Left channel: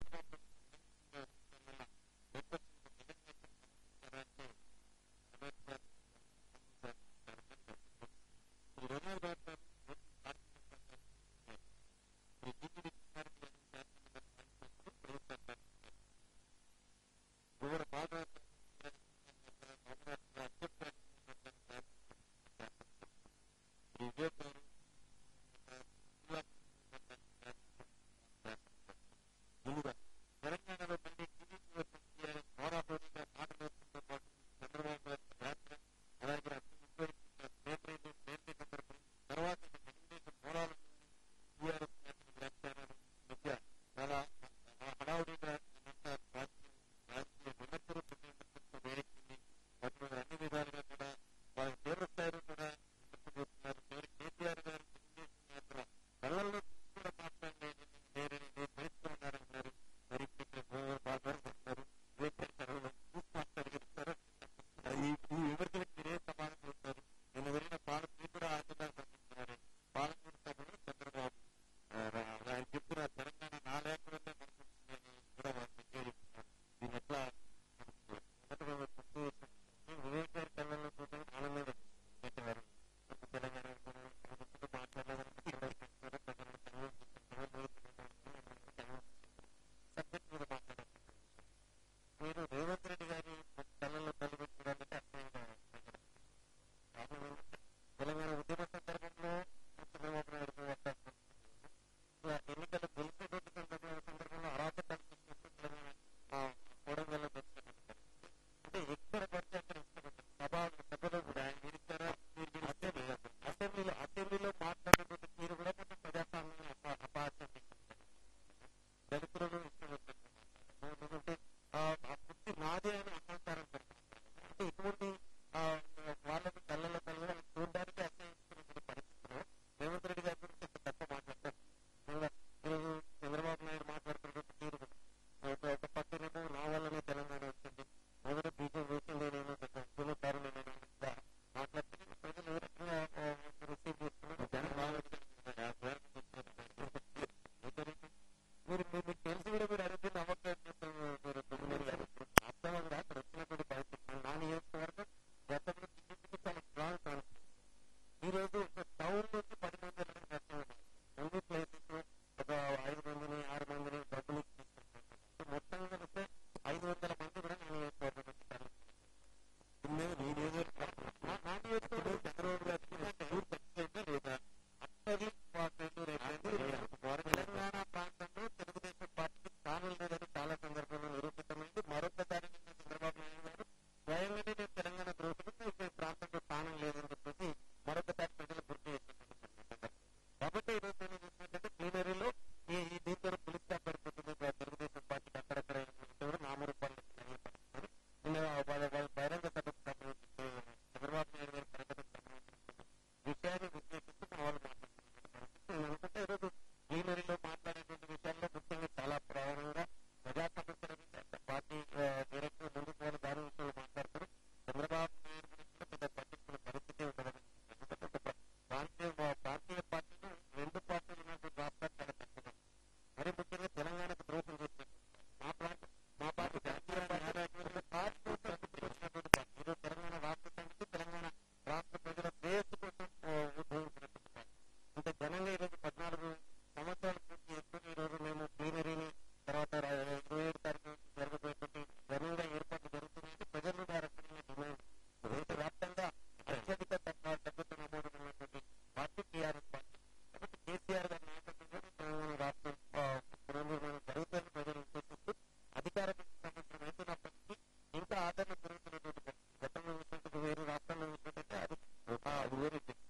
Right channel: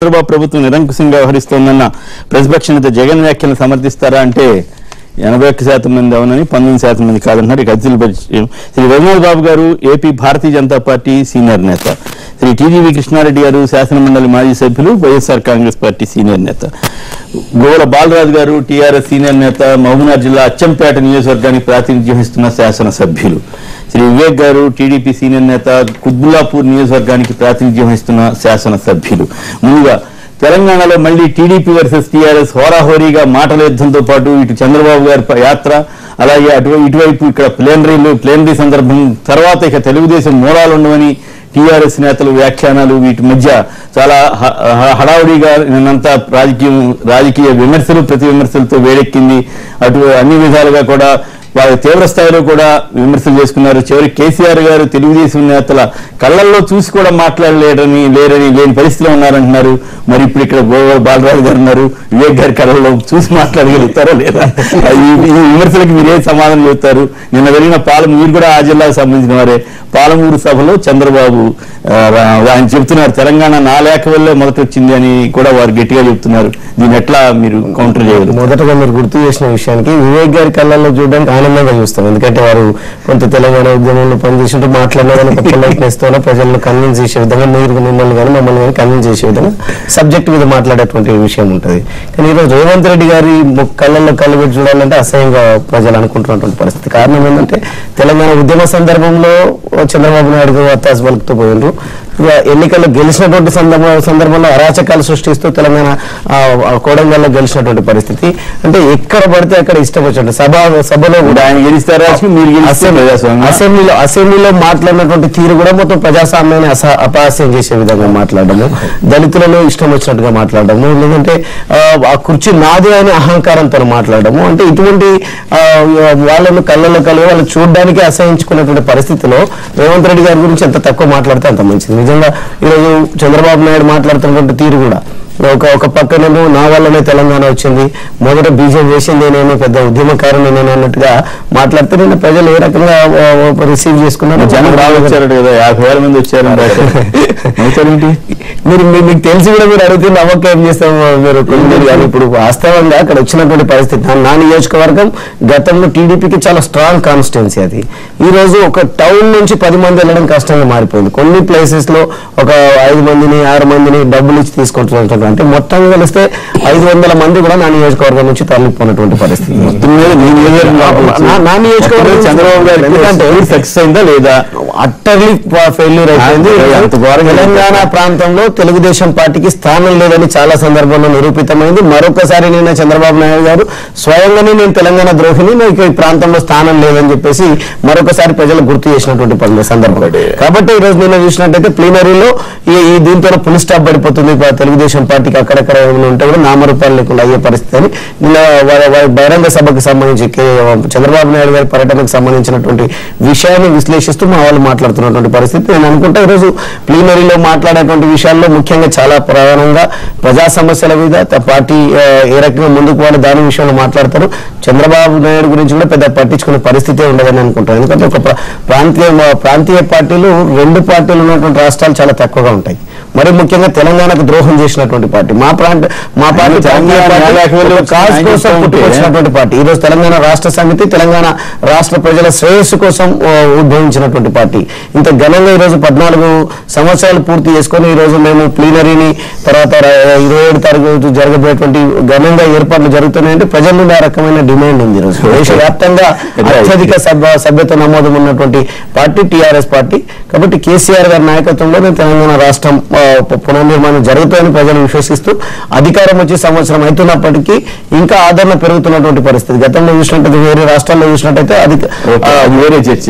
చంద్రబాబు ప్రభుత్వం నిరంకుశంగా వ్యవహరిస్తోందన్న ప్రతిపక్ష నేత జగన్ వ్యాఖ్యలను సమర్థిస్తారా అంటే 81% మంది అవునని 19% మంది కాదంటున్నారు. ఇక అతిథులు శ్రీ రఘునాథ్ బాబు గారు AP Bharatiya Janata party senior నేత, శ్రీ టీజీవీ కృష్ణారెడ్డి గారు శాసనమండలి మాజీ సభ్యులు వైఎస్ఆర్ కాంగ్రెస్ పార్టీ సీనియర్ నేత, గోవల బాలరాజు గారు టీఆర్ఎస్ సీనియర్ నేత, మహబూబ్నగర్ జిల్లా అచ్చంపేట నియోజకవర్గానికి ప్రాతినిధ్యం వహిస్తున్న శాసనసభ్యులు, శ్రీ వివేక్ గారు టీడీపీ సీనియర్ నేత, కుత్బుల్లాపూర్ నియోజకవర్గానికి ప్రాతినిధ్యం వహిస్తున్న శాసనసభ్యులు. ముందుగా తెలంగాణలో మళ్లీ టీడీపీ వర్సెస్ టీఆర్ఎస్ హోరాహోరీగా మాటల యుద్ధంతో పాటు ఇటు చంద్రబాబు గారి యాత్ర, అలాగే ఇటువైపు ఇక్కడ ప్లేనరీ సందర్భం తర్వాత ఇక తెలుగుదేశం మూలాలు ఉండవని టీఆర్ఎస్ నేతలు వ్యాఖ్యానాలు, వీటి మధ్య చాలా హడావుడిగా నిన్నంతా రాజకీయ విమర్శలు ప్రతి విమర్శలతో వేడెక్కింది. అటు అన్ని విధాలుగా కూడా వారి తీవ్ర స్థాయిలో కూడా విమర్శలు చేసుకున్నారు. చివరి కేసీఆర్ గారు తెలుగుదేశం నేతల కళ్ళల్లో చూసి కూడా లేని పరిస్థితిలో ఉన్నారంటున్నారు. మరి ఇప్పుడు ఇక్కడ గోవల బాలరాజు గారు ఉన్నారు, వివేక్ గారి కళ్ళల్లో చూసి మాట్లాడగలుగుతారా లేదా? ఈ విమర్శలకు మీరే సమాధానం చెబుతారు? నిన్న వెళ్ళిన మీరు కూడా ఆ జిల్లాకు సంబంధించిన వారే, పాలమూరు సభలో చంద్రబాబు ఆయన చెబుతున్నారు తెలంగాణ నా లేఖ వల్లే మొదట వచ్చింది అని కూడా వారు గట్టిగా చెబుతున్నారు. దీన్ని ఎట్లా మీరు కౌంటర్ చేయగలరు? మొదటగా మీరు గుర్తు చేసిన విషయానికి వివేక్ గారి కళ్ళల్లో చూడడానికి ఆనందంగా చూస్తాం. ఎందుకంటే వారు కొంత తెలంగాణ ఉద్యమంలో పనిచేసినట్టు మాట్లాడిన ప్రజలను కన్విన్స్ చేసే విధంగా మిమ్మల్ని కానీ మమ్మల్ని కానీ కన్విన్స్ చేసే విధంగా సబ్జెక్ట్ మీద మాట్లాడేటువంటి విషయం ఉంటుంది. కానీ ఈరోజు రేవంత్ రెడ్డి గారి కళ్ళల్లో కళ్ళు పెట్టి చూడాలంటే అసహ్యంగా ప్రజలు అనుకుంటున్నటువంటి పరిస్థితి. కారణం ఏంటంటే తెలంగాణ ఉద్యమ సందర్భంలో చంద్రబాబు నాయుడు గారు వత్తాసు పలుకుతూ పోయినారు. ఎన్నికల్లో గెలిచినటువంటి సందర్భంలో అరాచకాలు సృష్టిస్తూ తెలంగాణ కోడంగల్లో గెలిచినటువంటి పరిస్థితి. అంటే ఎక్కడ పడితే అక్కడ ఇష్టం వచ్చినట్టు సభలో కూడా ఆయన గెలిస్తారా, అసెంబ్లీలో మాట్లాడినటువంటి తీరు కూడా మొత్తం ప్రజాస్వామ్యాన్ని అపహాస్యం చేసే విధంగా మాట్లాడము, దళితులను ఇష్టం వచ్చినట్టుగా మాట్లాడము, లేదంటే ఆ కుర్చీ నాది అని అహంకారంతో మాట్లాడము. అంటే ఇటువంటి వాళ్ళను కళ్ళలో కలిగి వాళ్ళు చూడడానికి అసహించుకున్నటువంటి పరిస్థితిలో రేవంత్ రెడ్డి గారి గురించి ఎంత తక్కువ మాట్లాడితే అంత మంచిది. నిజంగా ఈరోజు చంద్రబాబు నాయుడు మాట్లాడుతున్నటువంటి తీరు కూడా ఒక పక్కనేమో నా వల్లనే తెలంగాణ వచ్చింది, మొదట బీజం చేసింది నేనేమో పెద్ద ఉద్యమకారుని నేను అన్నట్టుగా మాట్లాడితే నిన్న ప్రజలు ఏ రకంగా రిసీవ్ చేసుకున్నారు? జనం వచ్చారు కదా, 50,000 మంది వచ్చారు. మీకు తెలిసి కూడా మీరు అడిగితే నమ్మకం ఏం చేస్తాం మీరు? ఇప్పుడు వాస్తవంగా అక్కడ వచ్చినటువంటి పరిస్థితి, నా నియోజకవర్గం గతంలో టీడీపీకి చాలా స్ట్రాంగ్ కాన్స్టిట్యున్సీ. అది ఈ రోజు ఒక టౌన్ నుంచి 10 మంది వెళ్ళడం కష్టంగా మారిపోయింది. కొన్ని ప్లేసెస్ లో ఒక 5 మందిని 6 మందిని డబ్బులు ఇచ్చి తీసుకుంటున్నారు. అంటే మొత్తం కలిస్తే 500 మంది కూడా నా నియోజకవర్గం నుంచి తరలిపోయినటువంటి పరిస్థితి. నా నియోజకవర్గం చంద్రబాబు గారు ఎందుకంటే సక్సెస్ అయిందా లేదా? అట్టర్లీ ఫెయిల్యూర్ అయిపోయింది. తెలంగాణ ప్రాంతంలో తెలుగుదేశం పార్టీకి స్థానం లేదని చాలా సందర్భంలో నిరూపితమైంది. మరొకసారి నిన్న చంద్రబాబు నాయుడు గారు స్వయంగానే నేను తెలంగాణ ద్రోహిని, నాకు ఈ ప్రాంతంలో స్థానం లేదని చెప్పేసి మరొకసారి ప్రజలు గుర్తు చేసినటువంటి సందర్భం. కాబట్టి ఈ రోజు నిన్న చూసినట్టయితే ప్లీనరీలో ఈ దీంతో ఫుల్ స్టాప్ పడిపోతుంది. తెలుగుదేశం పార్టీకి అక్కడక్కడ ఉంటే కూడా నామరూపాలు లేకుండా అయ్యే పరిస్థితి అని నిన్న బహిరంగ సభకు సంబంధించి చంద్రబాబు నాయుడు గారి పర్యటనకు సంబంధించినటువంటి విషయాన్ని విశ్లేషిస్తూ మా వాళ్ళు మాట్లాడుతున్నటువంటి పరిస్థితి. నేను అనుకుంటా ఈరోజు ప్లీనరీలో మాట్లాడేటువంటి విషయాల్లో ముఖ్యంగా చాలా ప్రధానంగా ప్రజా సమస్యల మీద పార్టీ ఏ రకంగా ముందుకు పోవాలి దాని విషయంలో మాట్లాడతారు. చంద్రబాబు నాయుడు గురించి కూడా పెద్ద పట్టించుకునే పరిస్థితే ఉండదని అనుకుంటాను. ఎందుకంటే ఒక ప్రాంతీయ పార్టీలు 2 పార్టీలు ఉన్నటువంటి రాష్ట్రాలు చాలా తక్కువగా ఉంటాయి. మరి ముఖ్యంగా తెలంగాణకు ద్రోహం చేసినటువంటి పార్టీ మా పార్టీ కాజ్ కోసం పుట్టుకొచ్చినటువంటి పార్టీ. ఈ రోజు తెలంగాణ రాష్ట్ర సమితి తెలంగాణ రాష్ట్ర ప్రజల శ్రేయస్సు కోసం ఉద్భవించినటువంటి పార్టీ. ఇంత ఘనంగా ఈరోజు 14 సంవత్సరాలు పూర్తి చేసుకొని ఈరోజు మేము ప్లీనరీని తర్వాత 27 తారీఖు జరగబోయేటువంటి ఘనంగా ఏర్పాట్లు జరుగుతున్నాయంటే ప్రజల నుండి ఆ రకమైన డిమాండ్ ఉంది. ఈరోజు దేశవ్యాప్తంగా అత్యధిక సభ్యత నమోదు ఉన్నటువంటి పార్టీ టీఆర్ఎస్ పార్టీ. కాబట్టి కేసీఆర్ గారి నాయకత్వంలో తెలంగాణ రాష్ట్రం పునర్నిర్మాణం జరుగుతుందని ప్రజలు విశ్వసిస్తూ అధికారం వచ్చి సంవత్సరం అవుతున్నప్పటికీ ఇంకా ఆదరణ పెరుగుతున్నటువంటి పరిస్థితి. గతంలో చూసినట్టయితే వేరే రాష్ట్రాల్లో చూసినట్టయితే అది వేరే చర్చ.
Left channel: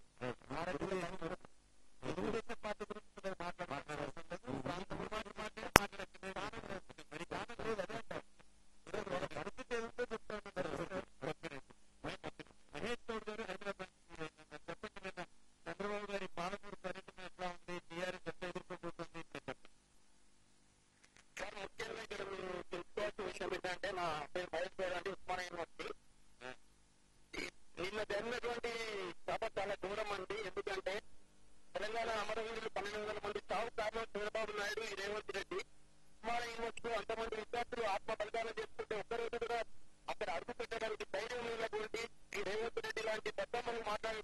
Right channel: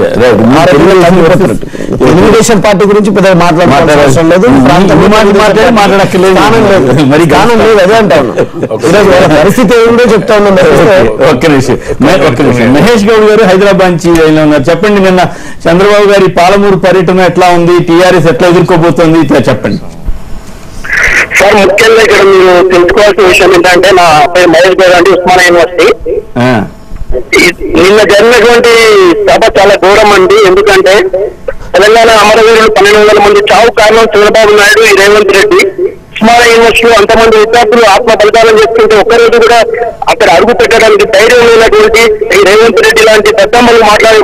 తెలుగుదేశం పార్టీ గురించి పెద్ద మాట్లాడాల్సిన అవసరం లేదు, మరి గానం లేదు. అదే అంటాను పరిస్థితి ఏమిటో చెప్తా ఉన్నాను. ఒక్క నిమిషం మహేష్ గౌడ్ గారు హైదరాబాద్ నుంచి ఉన్నారు. చెప్పండి, నిన్న చంద్రబాబు గారి పాలమూరు పర్యటన ఎట్లా ఉంది? టీఆర్ఎస్ ఎట్లా ఎదుర్కోబోతోంది చెప్పండి సార్. ముఖ్యంగా ఇక్కడ మీరు తెలుసుకోవాల్సిన విషయం ఏంటంటే, నా పేరు మహేష్ గౌడ్ అండి, ఉస్మానియా యూనివర్సిటీ. నిన్న జరిగినటువంటి సభ చాలా ఘోరం అండి. ఎందుకంటే తెలంగాణ అమరవీరులు 1200 మంది చావు కారణం చంద్రబాబు నాయుడు, ఈ రేవంత్ రెడ్డి. ఉస్మానియా యూనివర్సిటీలో అంతమంది విద్యార్థులు ఆత్మ బలిదానం చేసుకుంటే ఒక్కరోజు కూడా అక్కడ అడుగు పెట్టడానికి ధైర్యం లేనటువంటి ఈ రేవంత్ రెడ్డి లాంటి పెద్దమ్మలు మాట్లాడి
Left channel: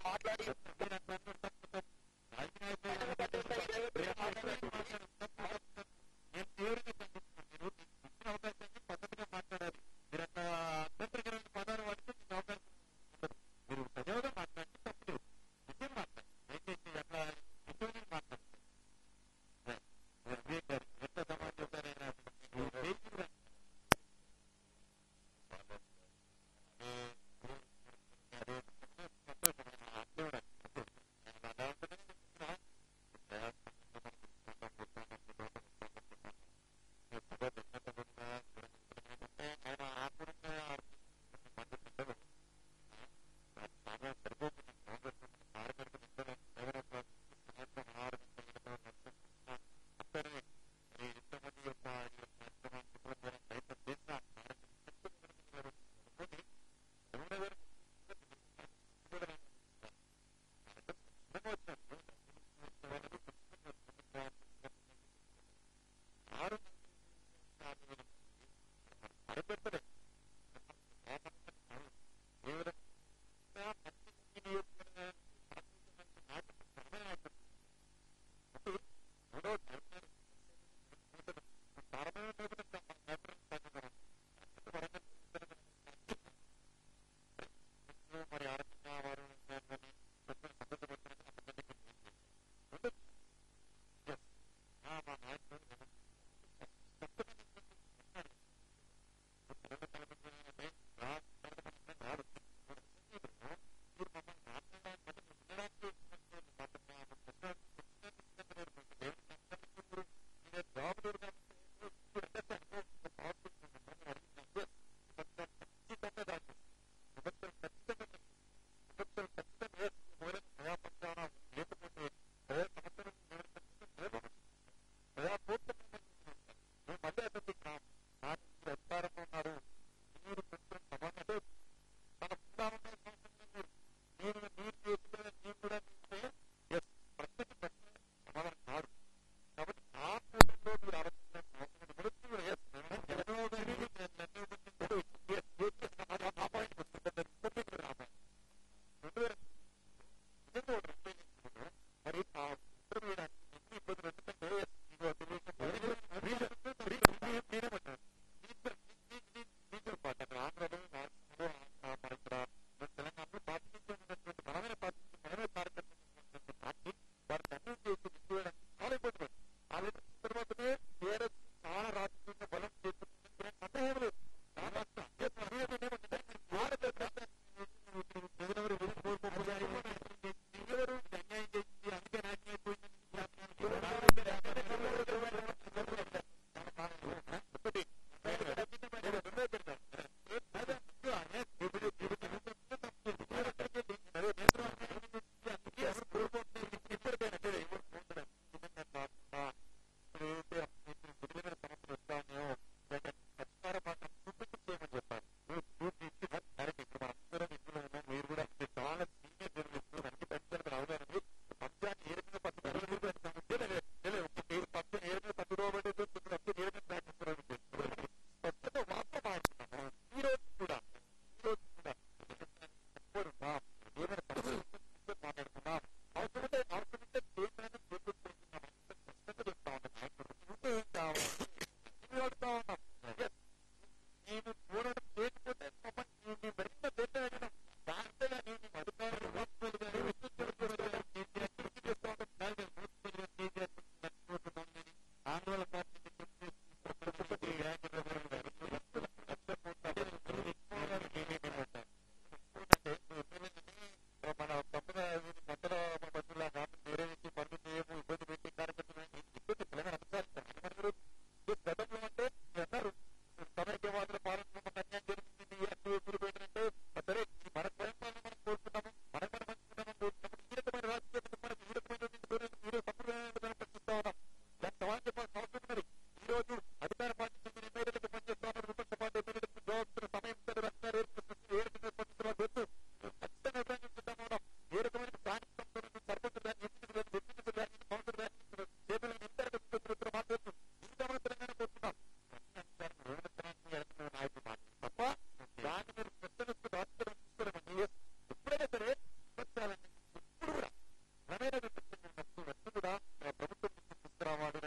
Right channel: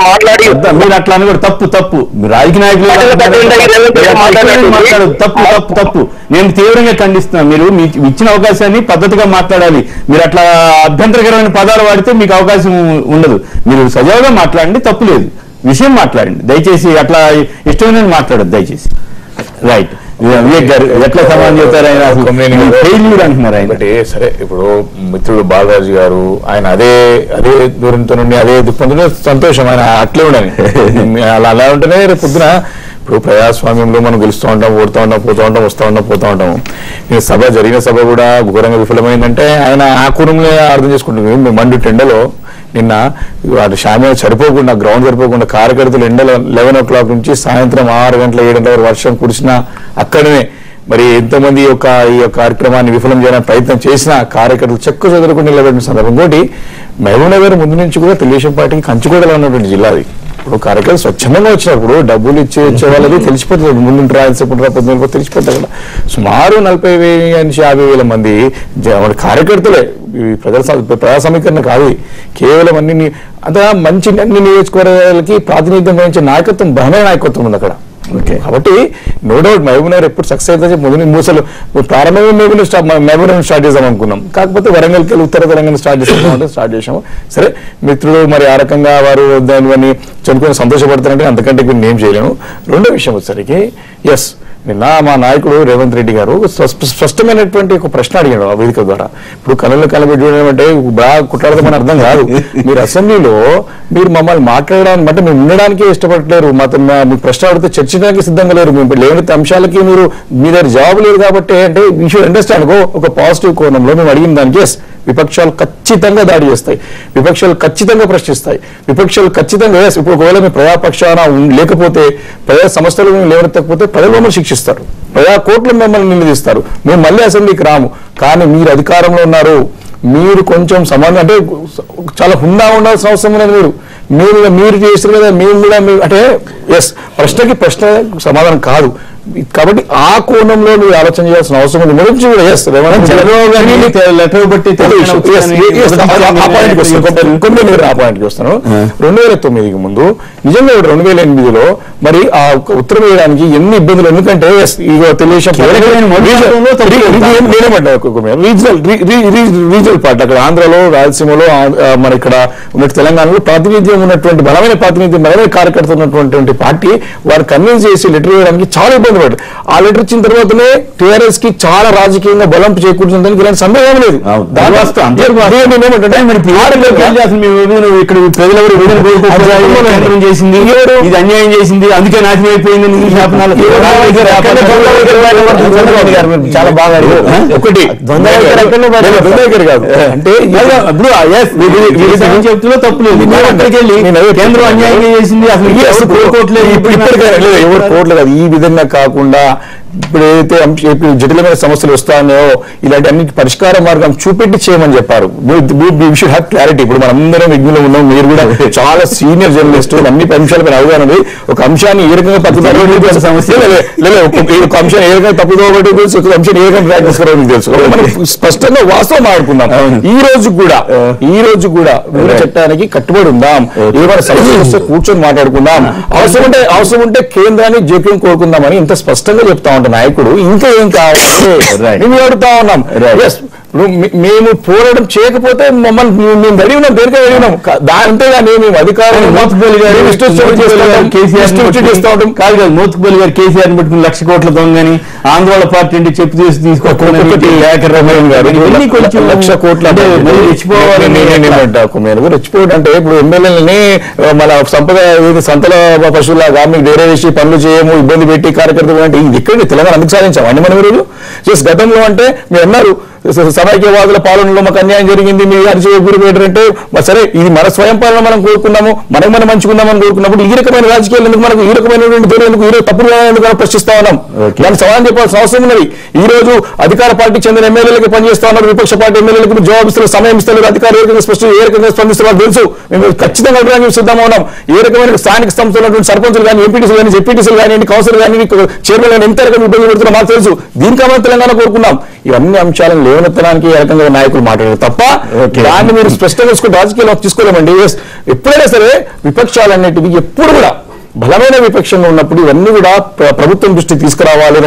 మీరు అట్లా అని కూడా తప్పు మీరు రాజకీయ నాయకులు తప్పు నేను తీవ్రంగా ఖండిస్తున్నాను. మీరు ఇచ్చిన అవకాశాన్ని పద్ధతిగా మాట్లాడాలి. మీరు అట్లా అభ్యంతరకరమైన పదాలు వాడితే మీకు అవకాశం ఉండదు. మీరు సజావుగా మాట్లాడండి, తప్పు లేదు, విషయం మాట్లాడండి. దయచేసి అట్లా ఇష్టమైన మాట్లాడదు దయచేసి. రైట్, వివేక్ గారు ఎట్లా సమాధానం చెప్తారు? ఆయన అంటున్నారు ఆయన. సరే, ఇప్పుడు మిత్రుడు బాలరాజు గారు ఆయన అదే దూరంతో నుండి అదే దుఃఖంతో సంతోషం, ఆయన అట్లే ఉండని అలా ఉంటేనే రేపు పొద్దున ఇప్పుడు ప్రజాస్వామ్యంలో మనం గెలుస్తూ ఉంటాం, ఓడుతూ ఉంటాం, పోతూ ఉంటాం, పోతూ ఉంటాము. సభ జరిగిన సభ కూడా ఘోరంగా విఫలమైందంటే ఆయన ఆ కుటుంబంలో అర్థం చేసుకుంటుంది. మండు టెండలో నిన్న వాటి షామియా సరిపోకుండా, గ్రౌండ్ సరిపోకుండా కార్యకర్తలు ఎండలో 11 o'clock నుంచి సాయంత్రం 6 గంటల 7 గంటల వరకు వర్షం కురిసినా అక్కడనే మరి ఎంతమంది ఈ యొక్క కార్యక్రమాన్ని విఫలం చేయడానికి ప్రయత్నం చేసినా కార్యకర్తలు చెక్కు చెదరకుండా నిలబెట్టిన సందర్భం. ఇంకోటి మహబూబ్ నగర్ ముందు నుంచి కూడా తెలుగుదేశం పార్టీకి కంచుకోటలో ఉన్నటువంటి జిల్లాది. ఇప్పుడు కార్యకర్తలు స్వచ్ఛందంగా వచ్చినప్పుడు డబ్బులు వచ్చే వాళ్ళకి తెలిసిపోతుంది, ముందు రాయాల్సినప్పుడు పొద్దున తెలిసిపోతుంది కదా. సుమారు 40,000 నుంచి 50,000 మంది కార్యకర్తలే. ప్రజా సమీకరణ కాదు, కేవలం అన్ని అంత మంచి అన్ని నియోజకవర్గాలకి ప్రాతినిధ్యం వహించే నాయకత్వం, బలమైన నాయకత్వం ఉంది అక్కడ. కాబట్టి నో డౌట్ మహబూబ్ నగర్ ఎప్పుడు సక్సెస్ అయితే ముందు మూసలు ప్రారంభంగా మహబూబ్ నగర్ స్టార్ట్ చేద్దాం అనుకున్నాం. కాకపోతే వరంగల్కి వెళ్ళి ఉత్తర తెలంగాణ స్టార్ట్ చేసాము. సరే, మిత్రులు మరి ఆ రకంగా వారు దానివన్నీ చనుకొని సంతోషపడతారంటే అంతకంటే ఇప్పుడు ఏం చేయలేము. రెండో విషయం వచ్చేసరికి ఎస్, నిన్న మా నాయకుడు రేవంత్ రెడ్డి గారు స్పష్టమైనటువంటి ఒక ప్రశ్న అడిగాడు ఆ వేదిక ద్వారా. ఇప్పుడు కళ్ళలో కలబెట్టడం అంటే బాగా కుట్లాడదామని అర్థం కాదు. మీరు అసెంబ్లీలో మీరు మమ్మల్ని మాట్లాడడానికి అంటే మీరు ఉండడానికే ఇష్టపడలేరు, మీ ప్రశ్న అడిగితే చర్చించడానికి సిద్ధంగా లేరు, మేము లేని అంశాలకి మీ దగ్గర జవాబు లేదు. కాబట్టి అంటే యూ షుడ్ అండర్స్టాండ్ ఒక పాజిటివ్ కోణంలో మేము అడిగిన దానికి ఎస్, విపక్షాలు ఖచ్చితంగా దాడి చేస్తాయి, విపక్షాలు ఖచ్చితంగా ప్రశ్నిస్తాయి, విపక్షాలు ఖచ్చితంగా ఇప్పుడు ఒకవేళ మీ ప్రజాపక్షాన లేకపోతే, ప్రజా సమస్యలు మేము లేవనెత్తకపోతే ప్రజలు మమ్మల్ని శిక్షిస్తారు, ప్రజా కోర్టులు మిమ్మల్ని నిలదీస్తారు, మేము మళ్ళీ అసెంబ్లీకి రాము. కానీ మీరు అధికారంలో ఉన్నారు, మీరు కొంచెం సంబంధం అంటే చాలా హుందా ఉండాల్సిన అవసరం లేదు. మీరు చేస్తారు కదా, మేము కూడా అంటే ఎస్, ప్రశ్నకి ప్రశ్న సమాధానం కాదు. కాబట్టి ఆ కోణంలో మీరు ఆలోచన చేయాల్సిన అవసరం ఉంది. నుంచి కూడా ఎస్ లెటర్ బట్టి ఆ పాయింట్కి వస్తాను. 2009కి ముందు నిజంగా 2008లో మరి ఆ ఉత్తరం వేయడానికి ఎన్ని ఇబ్బందులు, ఎందుకంటే తెలుగుదేశం రీజనల్ పార్టీ అక్కడ ఆంధ్రలో, రాయలసీమలో, మన ఇక్కడ ఉన్న తెలంగాణలో ప్రాతినిధ్యం ఉన్నటువంటి బలమైన కార్యకర్తలు ఉన్నటువంటి పార్టీ వారు కన్విన్స్ చేసి లెటర్ వేయడానికి చాలా ఇబ్బంది పడ్డారు. ఆ లెటర్ ఇచ్చిన తర్వాతనే టీఆర్ఎస్ కి చాలా రాజకీయంగా బలం చేకూర్చుందని ఇలాంటి సందేహం లేదు. చేసింది ఇది అన్యాయం చేసింది, అందుకే నాశనం అయిపోయింది. చాలా బాగా ఒకటి కాదు అంటే చెప్తున్నా తప్పు లేదు. అక్కడికి వెళ్ళి కేంద్రం అన్యాయం చేసింది, అసలు కోర్టులేదు, ఎవరు కోర్టులు కాదు. ఈ విధంగా కాకుండా ఇప్పుడు ఏదైతే జటిలమైన సమస్యలు వస్తాయో ఇలాంటి అన్నిటి పరిష్కార మార్గం చూపెట్టి చేయమని చెప్పారు. Should have clarity. ఇప్పుడు మనందరం విజ్ఞులు ఉన్నాం, మీరు కూడా చాలా సీనియర్ జర్నలిస్ట్, అన్ని అంశాలపై అవగాహన ఉంది. ఒక అంశాన్ని ఏ రకంగా తప్పుదో సమస్య ఒక అంశాన్ని ఏ రకంగా తప్పుదో తెలుసు, ఒక అంశాన్ని ఏ రకంగా ప్రాక్టీస్ కరాలని తెలుసు. మనం స్పష్టంగా వాస్తవం ఆడుకుందాం. ఈ రోజు కూడా చట్టానికి కట్టుబడి ఉందాం. ఏమైనా సమస్య వస్తే కూర్చొని మాట్లాడుకుందాం, అవసరం ఉంటే కేంద్రాన్ని జోక్యం కోరుకుందామని ఇంత స్పష్టంగా చెప్తా ఉంటాం నాయకుడు. ఇంకా ఏం కావాలి మేము అడుగుతా ఉన్నాం. మేము పోరాటం చేయకపోతే మమ్మల్ని మేము రెడీ ఉన్నాం, దేనికే రెడీ ఉన్నాం. అంతేగాని మేము అధికారులు మోత్కుపల్లి గారు కేసీఆర్ పెట్టుకుని 1,00,000 కోట్ల దొంగని ఆందోళన పార్టీ అంటే చెప్పు తీసి తీసుకోవాలి. 1,00,000 కోట్ల రెచ్చిపోవడం అంటే ఇప్పుడు ఎమ్మెల్యేలని మన సంపద సంతల పశువులాగా మీకు వేరే వేసి పనులు చేయము, ఇబ్బంది పెట్టి కార్యకర్తలు అంటే ఇది ఎక్కడ తెలంగాణ అందుకు సాధించాం అండి మనం ఈరోజు. గతంలో అంటే మీరు అన్నారు సమైక్యవాదుల పాలనలో మాకు అన్యాయం జరిగింది, మీరు అరిచి గురి పెట్టారంటే సరే ఇది మన స్వయం పాలన మనం కోరుకున్నాము, మనం మంచుకుందామని కోరుకున్నప్పుడు ఈ రకమైన రాజకీయాలు ఎందుకు, మనకు ఈ రకమైనటువంటి ధోరణి ఎందుకు, ఈ రోజు తప్పుడు ఎందుకు ప్రశ్నిస్తా ఉన్నాం. దానికి సమాధానం చెప్పాల్సిన అవసరం ఉన్నది. ఈ రోజు అధికార పార్టీకి చెందిన ఎమ్మెల్యేలకు పనిచేస్తా ఉన్నారు, విపక్ష పార్టీ ఎమ్మెల్యేలకు జవాబు ఇస్తారు, సమయం ఇస్తారు, అధికారులు ఏ రకంగా స్పందిస్తారు తెలుసు. మేము ఖచ్చితంగా అభిప్రాయం సిద్ధంగా ఉన్నాం. ఏ రకమైన స్థానిక సంస్థలు ఉన్నటువంటి సర్పంచులు కానీ, ఎంపీటీసీలు కానీ, జెడ్పీటీసీలు కానీ, కౌన్సిల్ కానీ, చైర్మన్ కానీ ఎంత రకంగా ఇబ్బంది పెడుతున్నా మాకు తెలుసు. దీనికి మనం తెలంగాణ కోరుకున్నాం. ఇవన్నీ అంశాలను లేవనెత్తడానికి ఏ రకంగా నాయకులు మాట్లాడారు తప్ప దాన్ని మీరు స్పష్టంగా తీసుకుని రాజకీయాల్లో తీసుకోలేమండి. ఎప్పుడైనా సరే విపక్షాలన్నిటివి ఎప్పుడు కూడా బలమైన విపక్షంలో ఉన్నప్పుడు ఇవన్నీ కూడా ప్రభుత్వం దృష్టికి తీసుకురావాలి,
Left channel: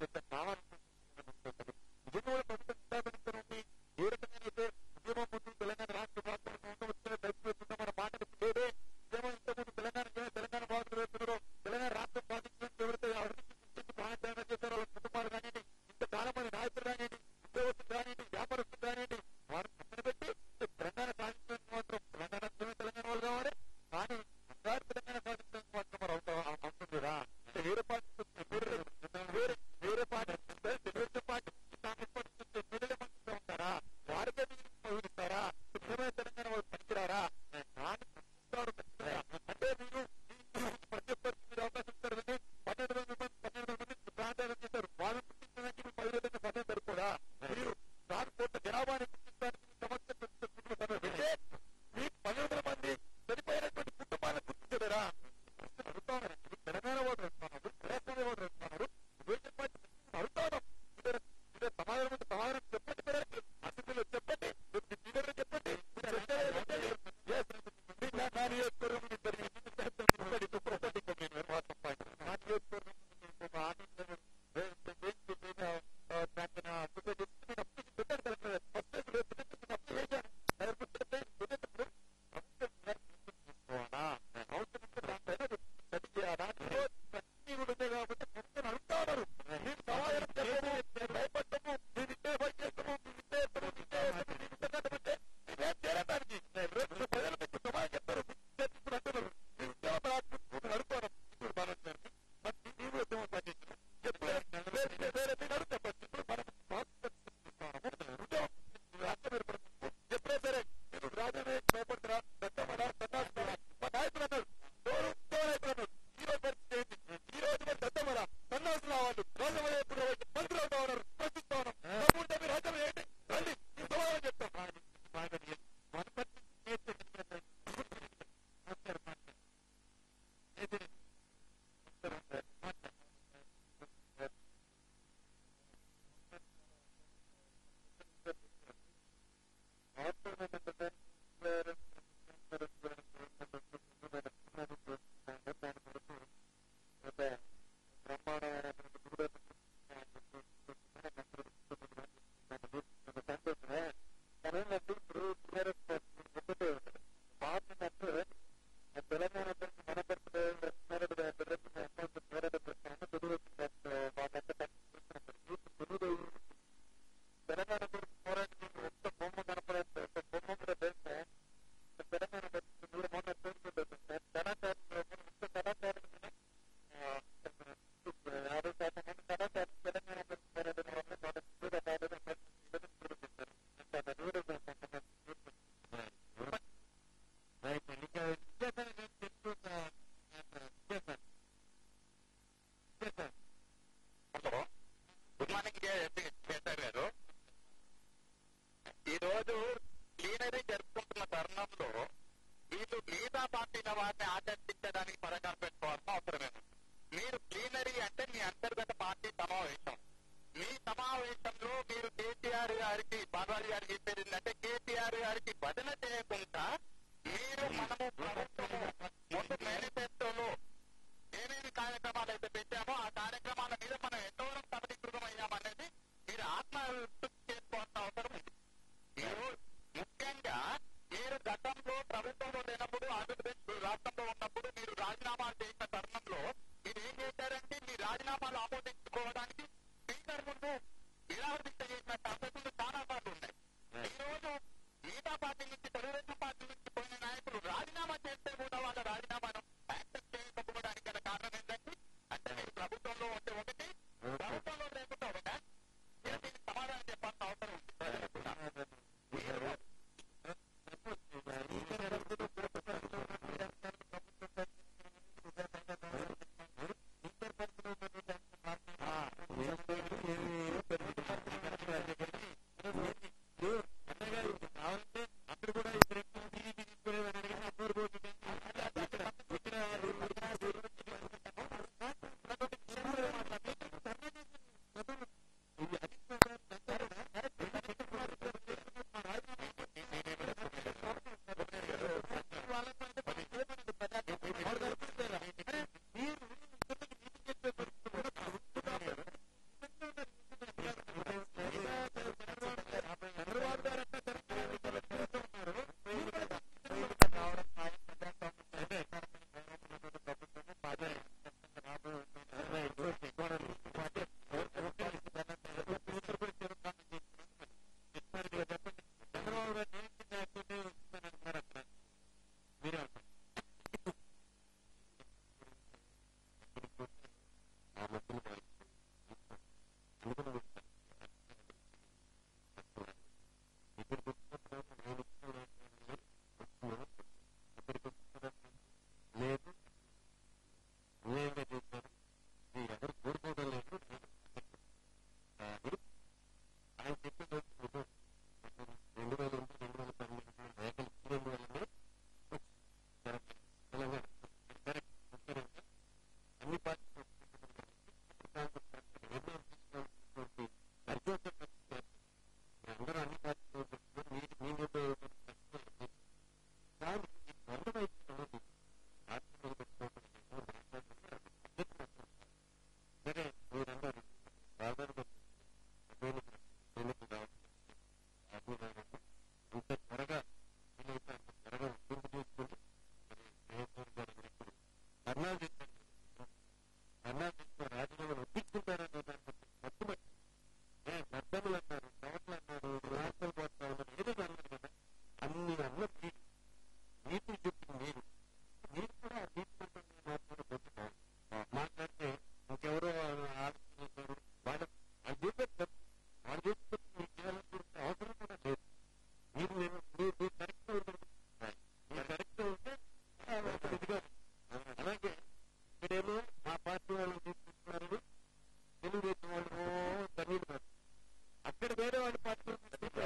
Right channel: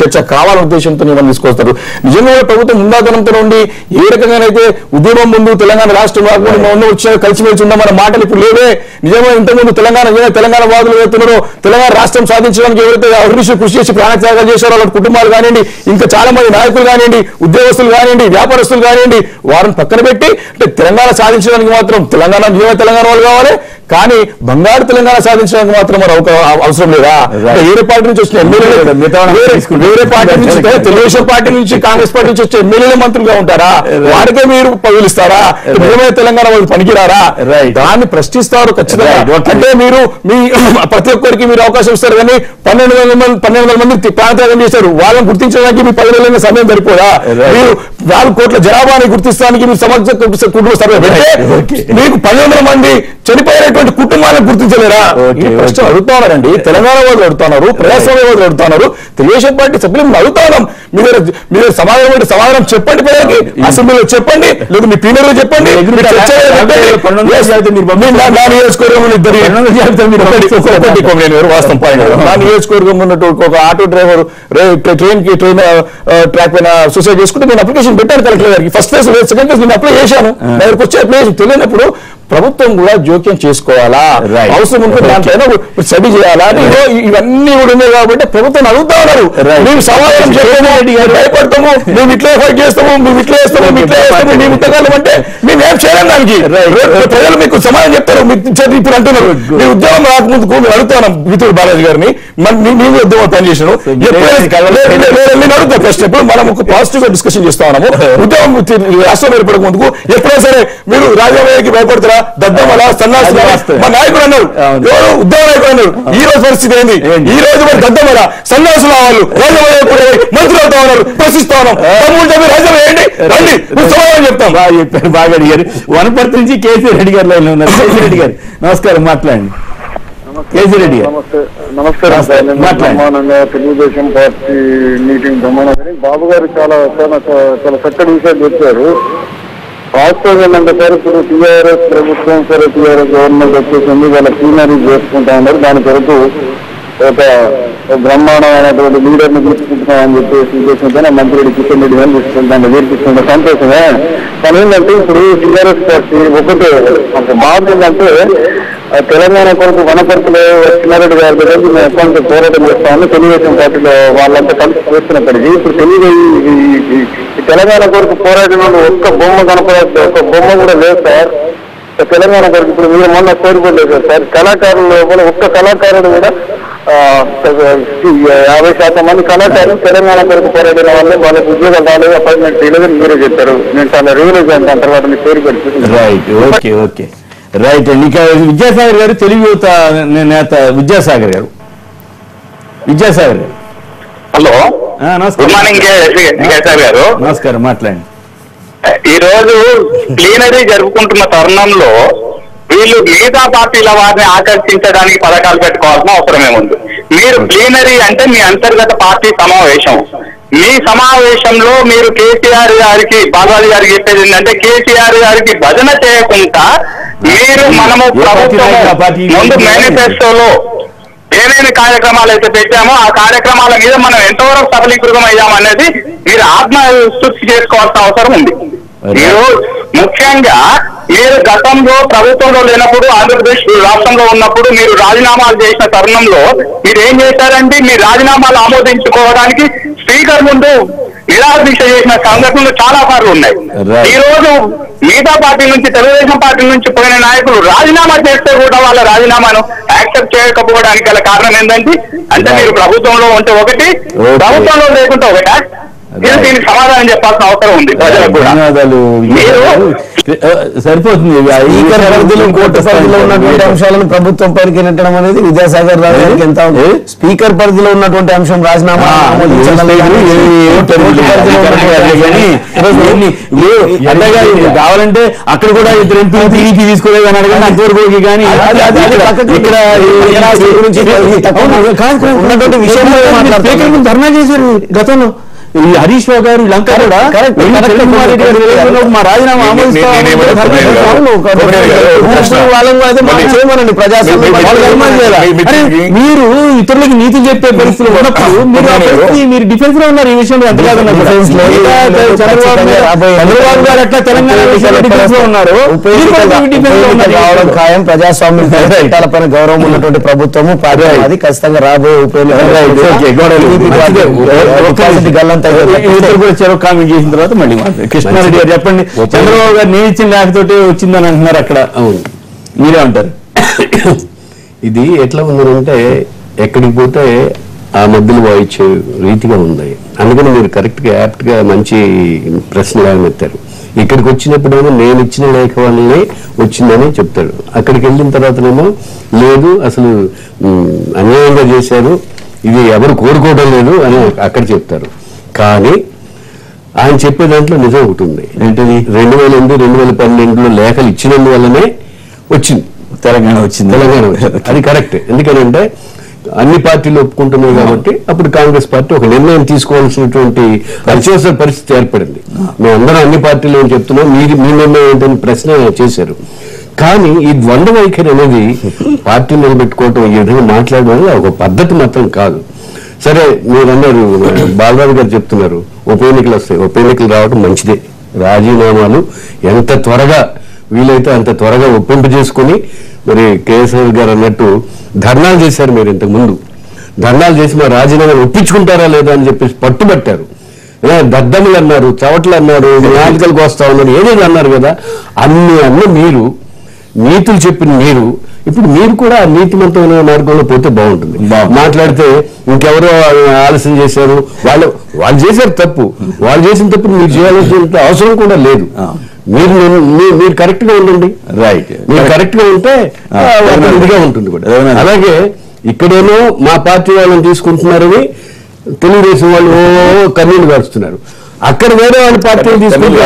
చర్చ కావాలనే ఉద్దేశంతో ఇవన్నీ తీసుకొస్తారు. నిజంగా ప్రభుత్వం ముందాతనంతో ఉండి ఏ రకంగానైతే ఉద్యమం ముందు తెలంగాణ రాష్ట్రం ముందు వచ్చిన కలిసిమెలిసి ఉందామన్న మాటలు ఇప్పుడు లేవే. నిజంగా ఇంతకుముందు తెలంగాణ వాదులు ఎవరుతున్నారో, తెలంగాణ రాష్ట్రం సాధించడానికి ఎవరైతే అభివృద్ధి కృషి చేసి ప్రాణత్యాగాలు చేశారో వాళ్ళ కుటుంబాలు కానివ్వండి, ఇంకా చాలా మంది నాయకులు కానివ్వండి, ఉద్యోగస్తులు కానివ్వండి, వ్యాపారస్తులు కానివ్వండి, వారిని పక్కన పెట్టి అంటే తెలంగాణ సాధించడానికి మాత్రం తెలంగాణ వాళ్ళు కావాలి, కానీ బంగారు తెలంగాణ సాధించడానికి మాత్రం మరి అవసరం లేదా? వేరే పార్టీ నుంచి వచ్చిన ఎమ్మెల్యేలు, వేరే పార్టీ నుంచి, తెలుగుదేశం పార్టీ నుంచి, కాంగ్రెస్ పార్టీ నుంచి వచ్చే ఎమ్మెల్యేలు మంత్రులుగా ఉంటారా? వారికే మీరు పగులిస్తారా? మేమే తెలంగాణ వాళ్ళు పనికిరారా? దాన్ని ప్రశ్నిస్తారు ఖచ్చితంగా. అంటే మీరు మీ ప్రతి ఒక్కరికి మీరు అవకాశం ఇస్తారు, కానీ 1200 మంది ప్రాణత్యాగం చేశారు, వాళ్ళని గుర్తించడానికి మీ 10 నెలల సమయం సరిపోదా? మీరు 4 కోట్ల జనాభాని గుర్తించడానికి మీరు సమగ్ర కుటుంబ సర్వే పెడితే మీకు 1200 మంది చనిపోయినటువంటి కుటుంబాలను గుర్తించలేరా? ప్రశ్న అడుగుతున్నారండి. తెలంగాణ వాళ్ళు అడుగుతున్నారు, ప్రజాస్వామ్య వాళ్ళు అడుగుతున్నారు, తెలుగుదేశం పార్టీ సభ్యులు అడుగుతున్నాం. మీరు సమాధానం చెప్పండి, ప్రజలకి అసెంబ్లీలో చెప్పండి, లేదా మీ ప్లీనరీలో చెప్పండి. వాస్తవం పాయింట్. నా నియోజకవర్గం ఉన్నట్టు ఒక ఆటో డ్రైవర్ ట్రైన్ ట్రాక్ పైన సూసైడ్ చేసుకుంటే నేను అప్లికేషన్ పెట్టాను కలెక్టర్ గారికి. ఫస్ట్ ఫేజ్, సెకండ్ ఫేజ్ నేను అప్లై చేశాను. దగ్గరకు వచ్చే అప్లికేషన్ తెలియనప్పుడు ప్రభుత్వం కూడా జోక్యం చేసుకోవాలా, అవసరం ఉంటే దాంట్లో స్టడీ చేయాలా, ఇవన్నీ కూడా ఉన్నాయి. కాబట్టి ప్రభుత్వం అడుగుతా ఉన్నారు, మేము సమాధానం చెప్పండి, భయపడతాము, మేము ఇట్లా ఫైట్ చేస్తాము, మేము ఇట్లా చేస్తాము, మేము ఇంతకాలం అంటే మేము ఏం చేయలేం దానికి. ప్రజలు మీకు సమాధానం చెప్తారు. ఇప్పుడు అంటున్నారు మీ ఉద్యోగం రాకముందుకు మేము అడుగుతున్నాం మిత్రుడు బాలాజీ గారిని, మేము ఉద్యోగం పనిచేసాను అడుగుతా. ఫస్ట్ ఎప్పుడు మనం ఒక పాజిటివ్ గా డిస్కషన్ చేస్తా ఉన్నాము. ఉద్యోగం రాష్ట్రం ఏర్పడక ముందుకు ఎప్పుడైనా సరే మీరు రాజకీయానికి భయపడతారా? దద్దమల సన్నాసి మా నాయకుడు అన్నారు, ఎవరు ఉద్యోగ నాయకుడు అన్నారు. ఈ రోజు పరిస్థితి ఏంది? ఈ రోజు మరి దద్దమల సన్నాసులు వాళ్ళు మంత్రులు అవుతా ఉన్నారు, ప్రశ్నిస్తా ఉన్నాం. రాజ్యం వేయండి, రండి, సమాధానం చెప్తాం. బాగా అడిగారు. వనపర్తి నుంచి కేసీ రెడ్డి గారు లైన్ లో ఉన్నారు. కేసీ రెడ్డి గారు నమస్కారం, మాట్లాడండి. కేసీ రెడ్డి గారు నమస్కారం సార్. నేను బ్రహ్మాండంగా తెలుగుదేశం పార్టీ మీటింగ్ బ్రహ్మాండంగా బాబు గారు చాలా చక్కటి విషయాలు చెప్పారు. వాస్తవం ఏంటంటే సార్, ఇప్పుడు టీఆర్ఎస్ ప్రభుత్వం సరే టీఆర్ఎస్ గవర్నమెంట్ వచ్చేసింది, వాళ్ళ ప్లీనరీ చేసుకుంటా ఉన్నారు. దాని కొరకు ఒక బ్రహ్మాండమైనటువంటి లీడర్ని తీసుకుంటున్నామని చెప్పేసి ఉద్దేశంతోనే మంత్రి కిషన్ రెడ్డి గారిని తీసుకుంటాను, వీరికిస్తుంటే సంతోషమే. కానీ ఏంటంటే ఇప్పుడు టీఆర్ఎస్ పార్టీ ఒకటే బాధ ఏంటంటే తెలంగాణ కొరకు వనపర్తిలో కిషన్ గారి దగ్గర మేము ఎక్కడ పోరాటం చేస్తామని తెలుగుదేశం పార్టీలో వాళ్ళంతా కలిసి చేస్తున్నప్పటికీ ఇప్పుడు తెలంగాణ కొరకు పోరాటం ఒక్క బొమ్మ కనపడదు, ఒక్క బొమ్మ కూడా లేదు సార్ తెలంగాణ కొరకు. ఇప్పుడు మీరు మొన్న కోరుకోలేదు సార్, కళాకారుల లోపల ఒక్క కళాకారుడు కూడా 50% మంది కళాకారులు తెలంగాణ కొరకు పోరాడిన వల్లే వాళ్ళకి ఉద్యోగాలు రాలేదు, అపాయింట్మెంట్ చేయలేదని మీరే చెప్పారు. నేను చాలా రియలైజ్ అయిన దాని తర్వాత మీ పేరు పెడుతుంది. రైట్ అండి. ఇక విద్యాసాగర్ గారు, తెలుగు యువత నేత విద్యాసాగర్ గారు. హలో, నమస్కారం. గుడ్ మార్నింగ్ గారు. నమస్కారం, మాట్లాడండి. ఈ రోజు ప్లీనరీ జరుపుకుంటున్న తరుణంలో వీళ్ళు మిగతా పార్టీల వారిని ఆకర్షించడానికి పథకాలు పెట్టుకోవాల్సిన అవసరం ఏముంది? మీరు ప్లీనరీ అంటే మీ అంతర్గత పార్టీ సమావేశం. మీ సమావేశంలో మీరు కేసీఆర్ గారికి, బాలాజీ గారికి చెప్పేది ఏంటంటే కేసీఆర్ గారికి భజన చేయకుండా మీరు మనము ప్రభుత్వం ముందు మేనిఫెస్టోలో ఏమేమి కార్యక్రమాలు అయితే పెట్టామో ఆ కార్యక్రమాల మీద మనం ఎంతవరకు సఫలీకృతం అయ్యామనేది మీరు ఆత్మశుద్ధి చేసుకోవాల్సిన అవసరం ఉంది. మీరు ముఖ్యంగా మీరు గతంలో ప్రభుత్వంలో లేనప్పుడు, ఆంధ్రప్రదేశ్ రాష్ట్రంలో ఉన్నప్పుడు మీరు రాజీనామాలు చేసిన తరుణంలో మీరు ఏం చేశారంటే మీ రాజీనామాలు ఆమోదించుకోవడానికి స్పీకర్ ముందు నిరాదీక్ష చేసిన సంఘటనలు చాలా సార్లు ఉన్నాయి. ఈ రోజు మిగతా పార్టీ నుంచి, తెలుగుదేశం పార్టీ నుంచి పోయిన నాయకులు రాజీనామా చేస్తే కూడా వాళ్ళ రాజీనామాను యాక్సెప్ట్ చేయకపోవడానికి గల కారణం ఏంటంటే, అంటే మీరు ప్రభుత్వంలో ఉంటే ఒకటి, ప్రభుత్వంలో లేకుంటే ఒకటా? దీనికి సమాధానం చెప్పాల్సిన అవసరం ఉంది ప్రజలకు కూడా. ధన్యవాదాలు. సరిపోతుంది. స్పీకర్ పరిధిలో కోర్టు పరిధిలో ఉన్నటువంటి అంశాలను ప్రభుత్వం పైకి నెట్టడం అనేది విద్యాసాగర్ రావు గారికి ఎంత స్పీకర్ పరిధిలో ఉన్నటువంటి అంశం రాజీనామా కావాలంటే అక్కడ కూడా ఇద్దరు ఎంపీ టీడీపీ తీసుకోలేదు అని అడగండి అంతవరకు. కానీ ఉన్నటువంటి విషయంలో ధర్నా చేశారు గతంలో. ఈ హరీష్ రావు గారు లంక కూడా మా రాజీనామా మీరు ఇతరులకి నీతి చెప్పే పరిస్థితులు ఉన్నప్పుడు మీరు డిఫెన్స్ లో ఉన్నారు. ఈ విషయంలో ఎంత కాదన్నా చంద్రబాబు గారు అట్లా తెలంగాణ విషయంలో డిఫెన్స్ లో ఉన్నారు. ఖాయం ప్రజాస్వామ్యం పైన గౌరవం ఉన్నటువంటి ప్రభుత్వము అది ఖచ్చితంగా రాబోయే కామెంట్ చేసిన తర్వాత మళ్ళీ కృష్ణారెడ్డి గారు చెప్పండి. చంద్రబాబు గారు నేను ఇచ్చిన లేకపోతే వచ్చిందని అంటున్నారు అక్కడ. అవును, మీరే అంటారు. ఇది ఎట్లా ఉందంటే ఎక్కడికి పోతే ఆ మధ్యలో వాయించే రీతిగా ఉంది. అందుకని మీరు కరెక్ట్ గా యాప్ట్ గా మంచి ప్రశ్నలు ఎత్తారు. ఇక్కడికి వచ్చినప్పుడేమో నేను ఇచ్చిన లేఖ వల్లనే వచ్చిందని చెప్తాడు. అక్కడికి వెళ్ళిన తర్వాతనేమో లేదు అసలు అన్యాయంగా చేశారు, ఇది ఎవరు కోరుకోవడం లేదు అని అక్కడ చెప్తారు. కానీ ఆయన చెప్పే దాంట్లో నిజం ఒకటి ఉంది. ఏంటది? 2008, 2012లో లేఖలు ఇచ్చినందువల్లనే వచ్చింది తెలంగాణ వచ్చింది. అది కరెక్ట్. ఎందుకంటే అన్ని పార్టీలు ఒప్పుకుంటున్నాయి కాబట్టి అప్పుడు కాంగ్రెస్ పార్టీ ఒక నిర్ణయం తీసుకోవాల్సినటువంటి అత్యవసర పరిస్థితి ఏర్పడింది. మేమందరం అన్ని పార్టీలు ఏం చెప్తున్నాం, మీ నిర్ణయం ఏంటని ప్రశ్న చేశారు. కానీ ఈ ద్వంద్వ వైఖరి అనేది పార్టీ నిలబెట్టుకోవటం, ఈ విధంగా మాట్లాడడం అనేది ఒక పద్ధతి మాత్రం కాదు. సరే, మీరన్నారు బాలరాజు గారు చెప్తున్నారు ఉప ఎన్నికలు వస్తాయి. ఉప ఎన్నికలు రావడం మంచిదే. రాజీనామాలు ఎంత త్వరగా వీలైతే అంత త్వరగా ఒప్పింపు చేసుకుని, మరి కేసీఆర్ గారు అన్నట్టు ధర్నాలు చేశారు. మీరు ఇంతకు ముందు ధర్నాలు చేసి మా రాజీనామాలు ఒప్పించుకుంటారా లేదా అని చెప్పేసి పట్టుబట్టారు. దద్దములు అన్నారు, చవట్లు అన్నారు, నాలుకలకు వస్తా ఉన్నారు, ఏదేది అన్నారు కదా. అన్ని మీరు నీతులు చెప్పిన ఇప్పుడు మీరు కూడా నీతిమంతమైన మార్గంలో పోతే బాగుంటుంది. మాట్లాడితే ఇంకెవరో ఆలస్యం చేశారు, వాళ్ళు చేశారు తప్పు, వాళ్ళు చేసిన తప్పు మీరు చేయాల్సిన అవసరం కూడా లేదు. మీరు కరెక్ట్ గా ఉండండి. రైట్, మీరు కరెక్ట్ గా ఉంటే ఇదిగా ఉంటుంది కూడా. అలాగే ఇక్కడేమో మా పార్టీ వాళ్ళని తీసుకుంటున్నారని తెలుగుదేశం వాళ్ళు కన్నీళ్లు గారుస్తున్నారు. అక్కడ వేరే వాళ్ళ పార్టీలు తీసుకుంటే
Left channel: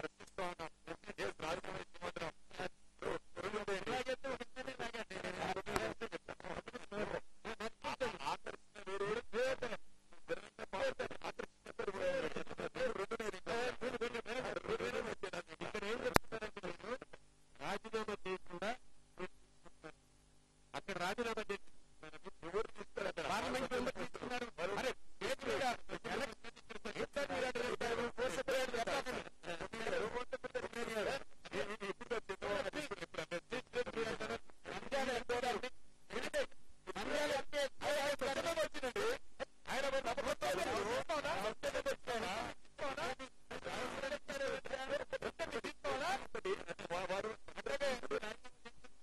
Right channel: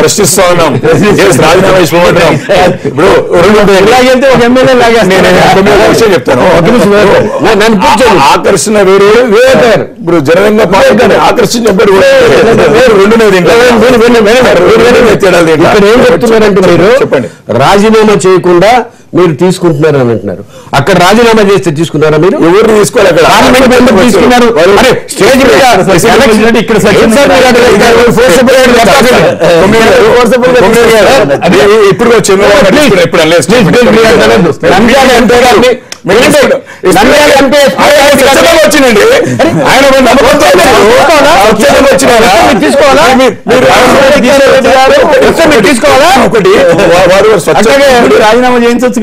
ప్రశ్నిస్తా ఉన్నాం. ఇప్పుడు ఎలాగైతే ఒక ఎమ్మెల్యే లాగా విషయం చెప్తాను. ఆకర్షణ వేరే వేరే. ఇప్పుడు జనరంగా పార్టీ ఆకర్షించారు ఇక్కడ ఏం చెప్తున్నారంటే మీరు చెప్పండి, రాజీనామా చేయకుండా మీరు తీసుకుంటున్నారు అని అంటున్నారు. అక్కడ రాజీనామా చేస్తే తీసుకున్నారా? మీరు ఎవరు తీసుకోవాలి? అక్కడ తీసుకున్నారు. స్టేజ్ ఇప్పుడు వచ్చిందండి. ఆయన తీసుకోవాలా? ఒకటి రాజీనామా చేయించవచ్చు.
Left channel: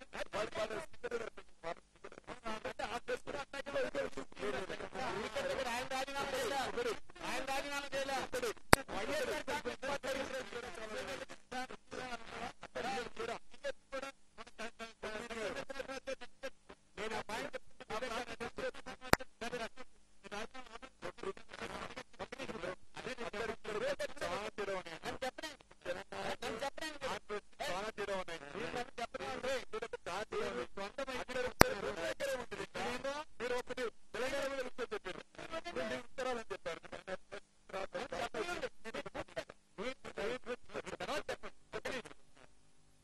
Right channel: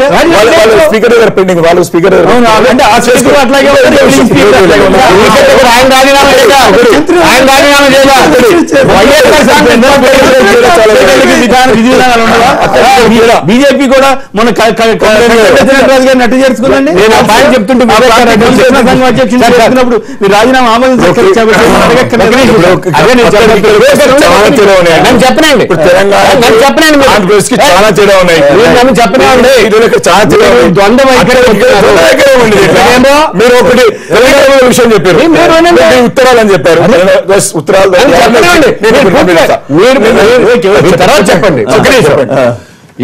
స్పీకర్ గారు పెండింగ్, వాళ్ళు స్పీకర్ అంటే ఆ స్పీకర్ అట్లాగే బీజేపీ కూడా మన నట్టు చేర్చుకుందండి. నేను ఆ పాయింట్ చెప్తుంటే చెప్తున్నప్పుడు మీరు రాజీనామా ఆమోదించారు. చాలా తేడా ఉన్నాయి. మీరు ఒకటి విషయం చెప్పారు, ఉత్తరాలు అని చెప్పారు. ఉత్తరాలు చెప్పండి.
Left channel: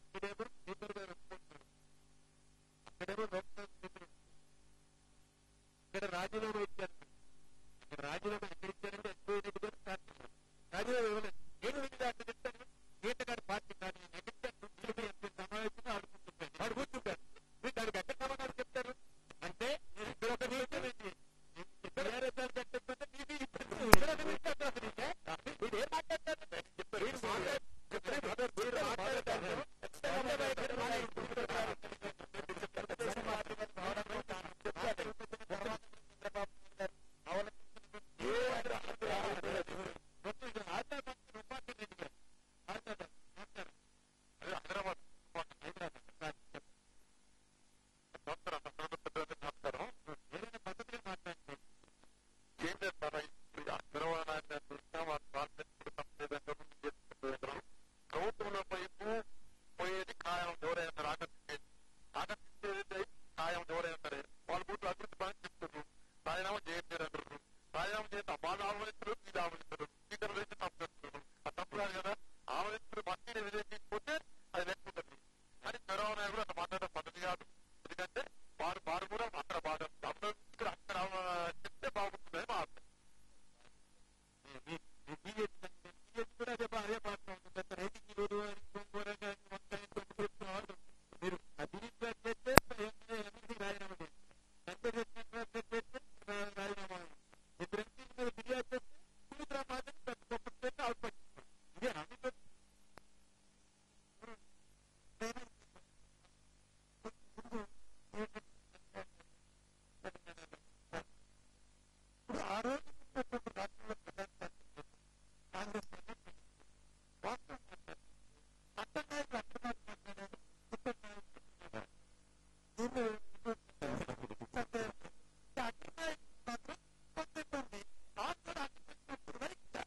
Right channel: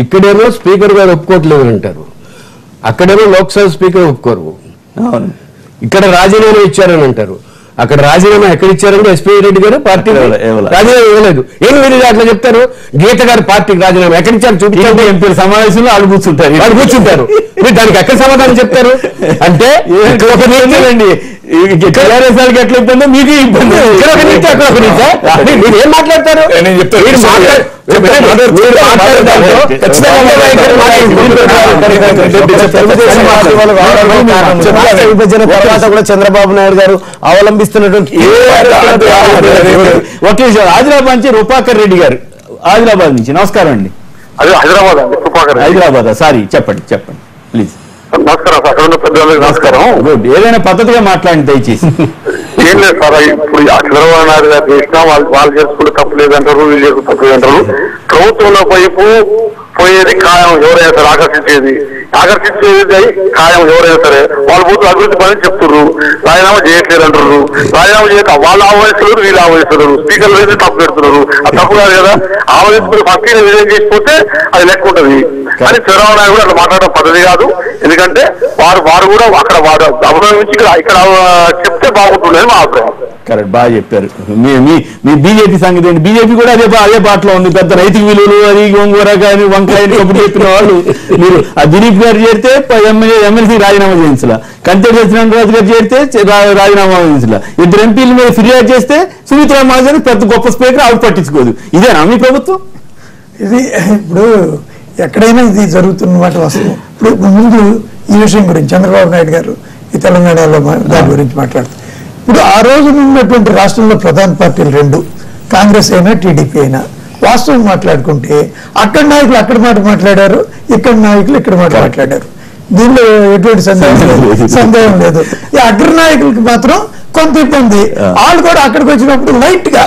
ఇక్కడేమో స్పీకర్ గారు ఒప్పుకోవట్లేదు అంటారు, అక్కడేమో లోక్సభ స్పీకర్ ఒప్పుకోరు. ఇక్కడ రాజీనామా ఇచ్చారని అంటారు, అక్కడ రాజీనామా ఎక్కడ ఇచ్చారంటే ఎస్పీ రెడ్డి గారు పార్టీ రాజీనామా ఇవ్వలేదు. ఏం మీరు అట్లా చెప్తారు? గీత గారు పార్టీకి రాజీనామా ఎక్కడి ఇచ్చారు చూపించండి. ఎంపీల సమావేశంలో వాళ్ళు కూర్చుంటారు. మీరు దానికి ఎక్కడ సమాధానం చెప్తారు? అంటే ఒక నిర్ణయం అండి, టీఆర్ఎస్ వాళ్ళకి ఎట్లా ఇబ్బంది మీకు ఇబ్బంది. ఇక్కడ ఒక నీతి అక్కడ ఒక నీతి. మీరు ఏం మాట్లాడతారు? నేను చెప్తాను విభజన తర్వాత కూడా చంద్రబాబు నాయుడు గారు అవలంబిస్తున్నటువంటి ఒకే ఆదిలాబాద్ నుంచి రూపాకర్ రెడ్డి గారు ఆదిలాబాద్ నుంచి. నమస్కారం అండి. అది హైదరాబాద్ అండి, రూపాకర్. హైదరాబాద్ సారీ, చెప్పండి ప్లీజ్. నమస్కారం సార్, అక్కడ ఉన్న పెద్దవాళ్ళకి నమస్కారం. ఏదైనా పద్ధతిగా మాట్లాడండి దయచేసి. ఏం లేదు సార్, ఇప్పుడు చంద్రబాబు నాయుడు గారు చేసినా వాళ్ళు చేసుకుంటే తప్పు లేదంటారు, వీళ్ళు చేసుకుంటే తప్పు లేదంటారు. ప్రభుత్వంలో వైపు పోయేది ఖాయం, ఎవరైనా సరే ఆకర్షించేది ఖాయం ఎవరైనా సరే. వాళ్ళు పోతూ అభివృద్ధి పని చెప్తున్నారు, రాజీనామా చేయట్లేదు అంటున్నారు. రాజీనామా చేయక వాళ్ళు ఆహ్వానిస్తున్నారు, వీళ్ళు ఆహ్వానిస్తున్నారు. స్పీకర్లు అయితే తప్పు పెడుతున్నారు. అది తప్పు కాదు కదా. ఆహ్వానిస్తున్నారు ఫస్ట్ విజయం చేసిపోతే అది లెక్క ఉంటుంది. కానీ చంద్రబాబు నాయుడు కూడా అట్లా మాట్లాడడం పద్ధతి కాదు. ఎందుకంటే వారు కూడా అక్కడ వారు అభినందించి ఇక్కడ చెప్తే బాగుంటుంది మా అభిప్రాయం. కరెక్ట్, బాగా చెప్పారు. మీ బీజేపీ సంగతి ఏంటి? బీజేపీ కూడా అదే బాటలో ఉంది. పెద్ద రైతు విలువలు అది గోంగూర కానీ వంకాయని కప్పుడు చెప్పిన వాళ్ళు మీరు ఆ దిలీప్ గారు చేరితే ఎమ్మెల్సీ రాజీనామా చేయించలా, కంటే సత్యనారాయణ గారు చేరితే రాజీనామా చేయించలా, ఇద్దరు ఎంపీల మీద ఫిర్యాదు చేస్తే సుమిత్రా మహాజన్ పెద్ద గొప్ప స్పీకర్ ఆవిడ పట్టించుకోదు. ఇదేనా మీ ప్రభుత్వం? ఇది ఇప్పుడు ఎక్కడైనా ఇది జరుగుతున్నమాట వాస్తవం. ఇప్పుడు ముందు ఈ విషయం గురించి చంద్రబాబు నాయుడు గారు ఈ తెలంగాణలో దాని గురించి మాట్లాడుతారు. ఇప్పుడు ఆ రోజు ఉన్నటువంటి రాష్ట్రంలో ప్రధాన పార్టీలు రెండు, కాంగ్రెస్ అయినా టీడీపీ అయినా, వాస్తవం మాట్లాడుకుంటే అక్కడ నాయకులు అక్కడ మాట మాట్లాడారు, ఇక్కడ నాయకులు ఇక్కడ మాట మాట్లాడారు. దీనిలో ఎటువంటి సందేహం లేదు. ఈ అగ్ర నాయకులకి మాత్రం కొంత ఇబ్బంది. వాళ్ళు కూడా అక్కడికి వచ్చినప్పుడు లైట్ గా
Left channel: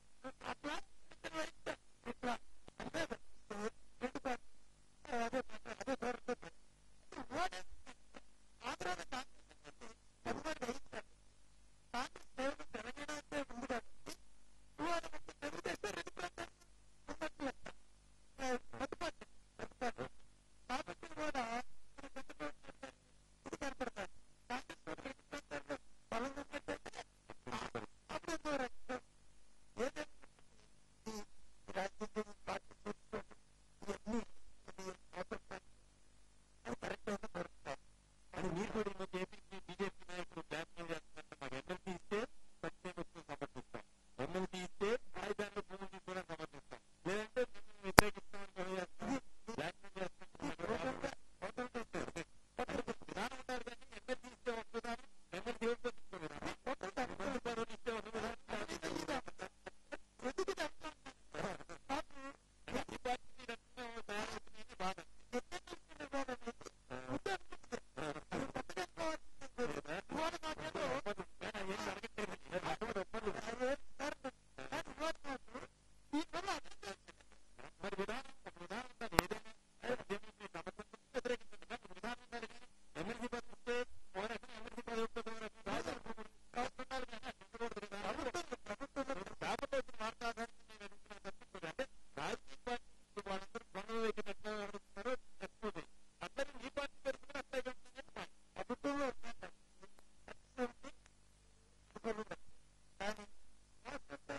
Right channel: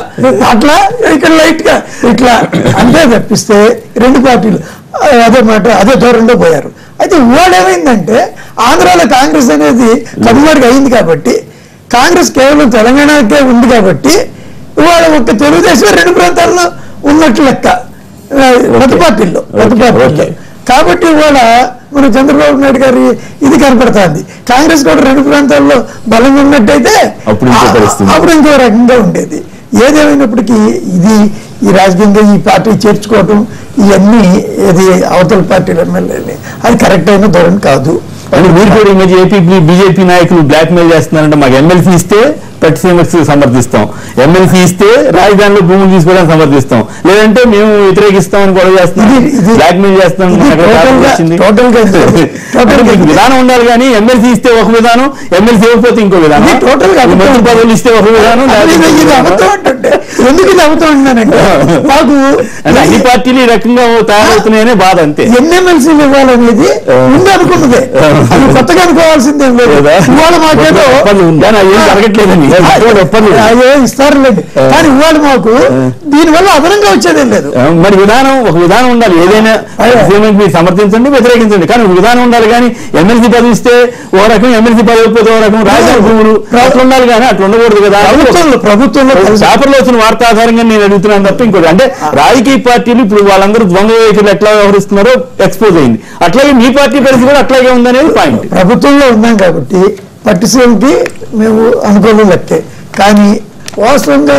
అట్లా, ఇక్కడ లైట్ గా ఇట్లా అంటే తప్పిస్తే రెండు పార్టీలు అదే మాట అదే ధోరణిలో పోయారు. అయితే ఇవాళ ఏమైందంటే ఆంధ్రాలో కాంగ్రెస్ అనేది కనుమరుగు అయింది కాబట్టి, కాంగ్రెస్ కేవలం తెలంగాణకే ఉంది కాబట్టి ఇవాళ ఒక తెలుగుదేశం రెండు ప్రాంతాల్లో ఉన్నట్లు లెక్క ప్రతి పార్టీల్లో. కాబట్టి ఇవాళ మన చంద్రబాబు నాయుడు గారి ఇది కనపడుతుంది. కాంగ్రెస్ కూడా రెండు ప్రాంతాల్లో బలంగా ఉన్నట్టయితే అప్పుడు ఇంకో రకంగా ఉండేది. ఏదేమైనప్పటికీ ఇది ఈ రాజకీయంగా ఈ పార్టీ చేర్చుకోవటం ఇవన్నీ ఇది అవతల పార్టీల ఎమ్మెల్యేని అది కరెక్ట్ అయిన ధోరణి కాదు. అంటే మీరు కూడా ఈ మధ్య బీజేపీ నాయకులు బ్లాక్ మెయిల్ చేస్తున్నారంటే మాకు ఎమ్మెల్సీ ఇస్తే పట్టిసీమక్స్ సమర్థిస్తాం, ఎమ్మెల్సీ ఇస్తే రాజధానిలో భూములు తీసుకోవడానికి సమర్థిస్తాం, లేదంటే మేము వ్యతిరేకిస్తామని గొడవ చేస్తున్నాం, బ్లాక్ మెయిల్ చేస్తాం. విధానం ఉండాలి కానీ ఎమ్మెల్సీ ఇస్తే ఒక విధానం, ఎమ్మెల్సీ ఇవ్వకపోతే ఇంకో విధానం, మంత్రి పదవులు ఇస్తే ఒక విధానం. ఎందుకు ఇది అవుతుందంటే మాకు అన్ని పార్టీలు ఈ రకంగా తయారవుతున్నాయనే బాధ. అంతే. ఎన్ని ఎమ్మెల్సీలు ఇవ్వాలనేది ముందు అనుకున్నదే, కొత్తగా అనుకోవాల్సిందేం లేదు. ఇవాళ మాకేదో జరగట్లేదని ఇస్తారులేదు, కానీ ఇవాళ మాకు దీనివల్ల అదనంగా వచ్చేదేం లేదు. మరి ఒక విధానం ఉండాలి. ఏదైనా మీరు సమర్థించండి, వ్యతిరేకించండి, కానీ ఒక విధానం ఉండాలి. కానీ ఎమ్మెల్సీ పదవి ఇస్తే ఓ రకం, ఎమ్మెల్సీ పదవి ఇస్తే ఓ రకం, రాజధాని భూములు అట్లా ఉండాలి. కానీ అట్లా ఉండకూడదు కదా. ప్రభుత్వంలో పేపర్లో వచ్చిన వార్త ఆధారంగా నేను అడుగుతున్నాను తప్ప ఇంకోటి. అంటే రాజకీయ పార్టీలు ఇప్పుడు వాళ్ళందరూ ద్వంద్వ వైఖరులు ఎట్లా వ్యవహరిస్తున్నారో ఎక్స్పోజ్ అయింది. అట్లాగే మీ పార్టీ పరిస్థితి కూడా అట్లాగే ఉందనేది పాయింట్. ప్రభుత్వంలో ఉన్నాం కాబట్టి పట్టిసీమకి మేము అనుకూలం లెక్కే, కానీ వాస్తవంగా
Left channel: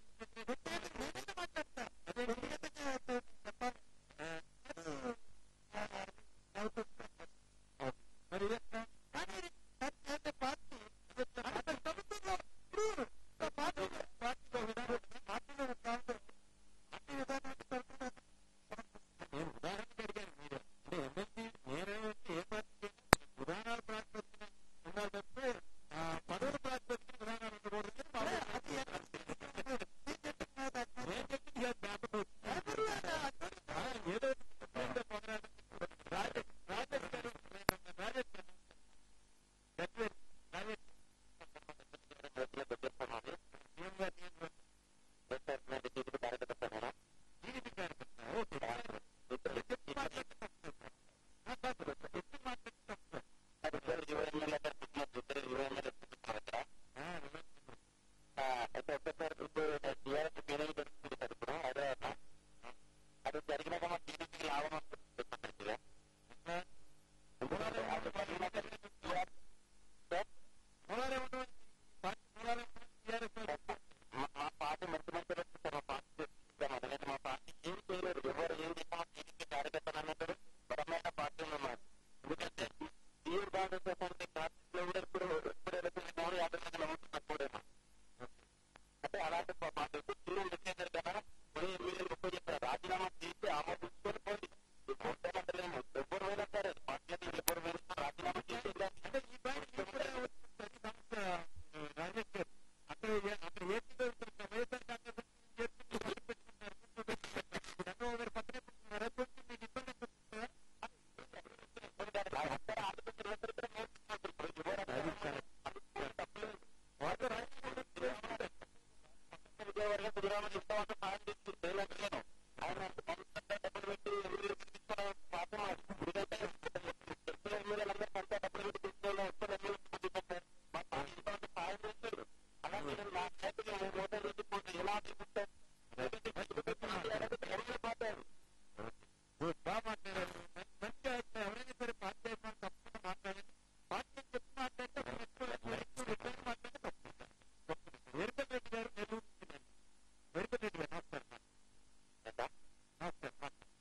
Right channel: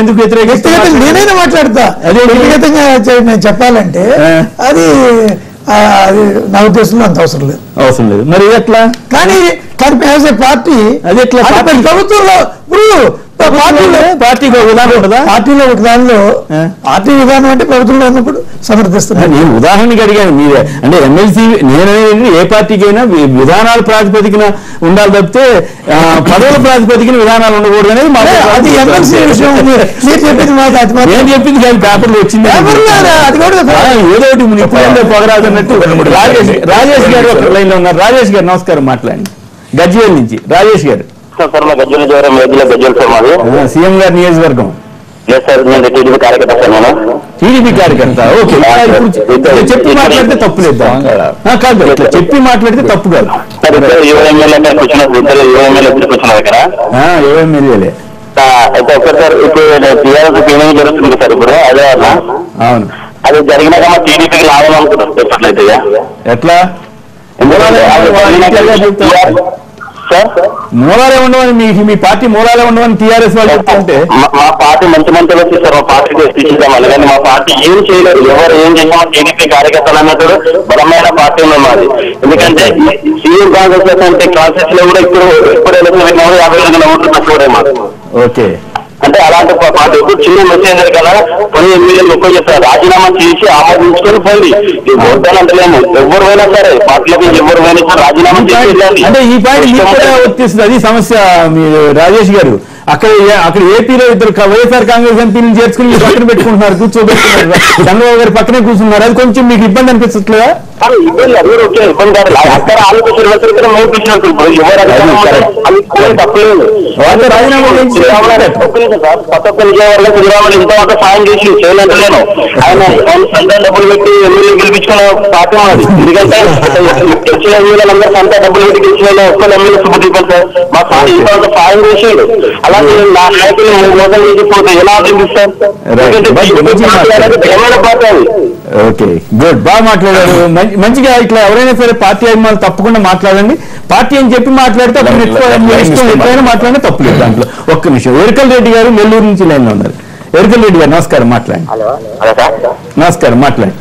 ఎందుకు నేనైనా మాట్లాడతా. వ్యక్తిగతంగా నేను చెప్పాలంటే అది నా ఉద్దేశంలో అంత అవసరం లేదు. మరి ఎట్లా? కానీ పార్టీ అది ఎట్లా ప్రభుత్వంలో పార్టీకి ఒక విధానం ఉండదా? పార్టీలో ఒక దానిలో పార్టీ విధానం అంటే ప్రభుత్వంలో ఉన్నప్పుడు సమర్థిస్తున్నాను. నేను ఉదాహరణకి అడిగాను. మీరే అంటే ఎమ్మెల్సీ నేననేది ఏ పార్టీకైనా విధానాల ప్రాతిపదికన ఉండాలి తప్పితే పదవుల ప్రాతిపదికన విధానాలు ఉండకూడదు అనేది అది ఎమ్మెల్సీ విషయం. మీరు చెప్పింది మాట నేను చెప్పింది కానీ పేపర్లో వచ్చింది. ఏదో ఒకటి ఇప్పుడు పొగరాదు అన్నట్టు. రాజేష్ గారు ఒక లైన్ లో ఉన్నారు. రాజేష్ గారు నమస్కారం, మాట్లాడండి. గజ్వేల్ నుంచి రాజేష్ గారు. సీఎం గారి నియోజకవర్గం. టీడీపీ కార్యకర్త. ఓకే, చెప్పి మాట్లాడితే తప్పు లేదు కాదు, చెప్పి మాట్లాడితే తప్పు కాదు. ఎమ్మెల్యేలే అయితే ఒకసారి ఇప్పుడు టీఆర్ఎస్ జరుగుతుంది సార్ ఇప్పుడు అదే వల్ల. అవును, అది జరిగినాక మా టీడీపీకి లాభం అనుకుంటారు ఎట్లయితే. ఎట్లా మూలాలే ఉండవని మీ పార్టీ మూలాలే ఉండవని టీఆర్ఎస్ వాళ్ళు చెప్తుంటే మా పార్టీ మంచి మంచిగా వచ్చేసారు. మా పార్టీకి తీసుకుందామని, కానీ మా పార్టీ ఏం చేయలేదు. ఎవరు ఏం చేసినా టీడీపీ కార్యకర్తలు అన్నట్టు బలమైన పార్టీ ఉంది మాది. ఎందుకంటే సీఎం కాంగ్రెస్ అంటే క్లాసెస్ లో కూడా ఇప్పుడు ఎలక్షన్ 50,000 ఓట్లు తక్కువడే మాకు. ఓకే, అంటే అలాంటి పార్టీ ఇప్పుడు చిన్న మెసేజ్ కదా, కొన్ని ఎమ్మెల్యేలు ఎక్కువ చెప్తారు రాజీనామా చేసి ఆమోదించుకొని పోయింది. ఓటాలు అంటలేము, ఎవరు పోయినా సరే పార్టీలోకి ఎవరు పోయినా రాజీనామా చేసి. అంటే ఈ పాయింట్ వర్తిస్తుంది. అది సమస్య. మీరు రాజేష్ గారు అక్కడ ఏపీలో ఇద్దరు వైఎస్ఆర్ కాంగ్రెస్ ఎంపీలను చేర్చుకుని మీరు పక్కన పెట్టుకుంటున్నారు, కూర్చోబెట్టుకున్నారు, చంద్రబాబు గారు పక్కనే కూర్చున్నారు. అది కొంచెం మీకు ఇబ్బంది అనిపిస్తలేదా? ఇబ్బంది అందరూ ఓకే, ఇబ్బంది కాదు. అక్కడ ఆలోచించిన తప్పలేదు. రాజీనామా కొత్త విజయవాడలో కుదిరామని ఇంతవరకు సాయం చేసి చేయలేను. ఆయన సొంత డబ్బులు పెట్టి ఎమ్మెల్యే గెలిపించుకున్న పార్టీ మాది. ఎందుకంటే వచ్చిన ఎమ్మెల్యేలందరూ సొంత డబ్బులు పెట్టి గెలిచిన ఒక్క ఎమ్మెల్యే సుబ్బదీపం సార్ మా పార్టీ ఇంతవరకు సాయం చేసాడు. అలాగే నా నాయకులు మోసం చేసిపోతే ఎలా అభివృద్ధిస్తారు? ఓకే, గుడ్, బాగా మాట్లాడారు. మంచిగా ఇట్లా ఎవరైనా సరే పార్టీ అభిమానులు తప్పకుండా మాట్లాడండి. పార్టీ అని చెప్పి మాట్లాడితే ఎప్పుడైనా మాట్లాడినా తప్పులేదు దాంట్లో. ఒక్క నిమిషం. ఎరికల్ రెడ్డి గారు నెల్లూరు నుంచి లైన్ లో ఉన్నారు. ఎరికల్ రెడ్డి గారు నమస్కారం, మాట్లాడండి. నమస్కారం, మాట్లాడండి.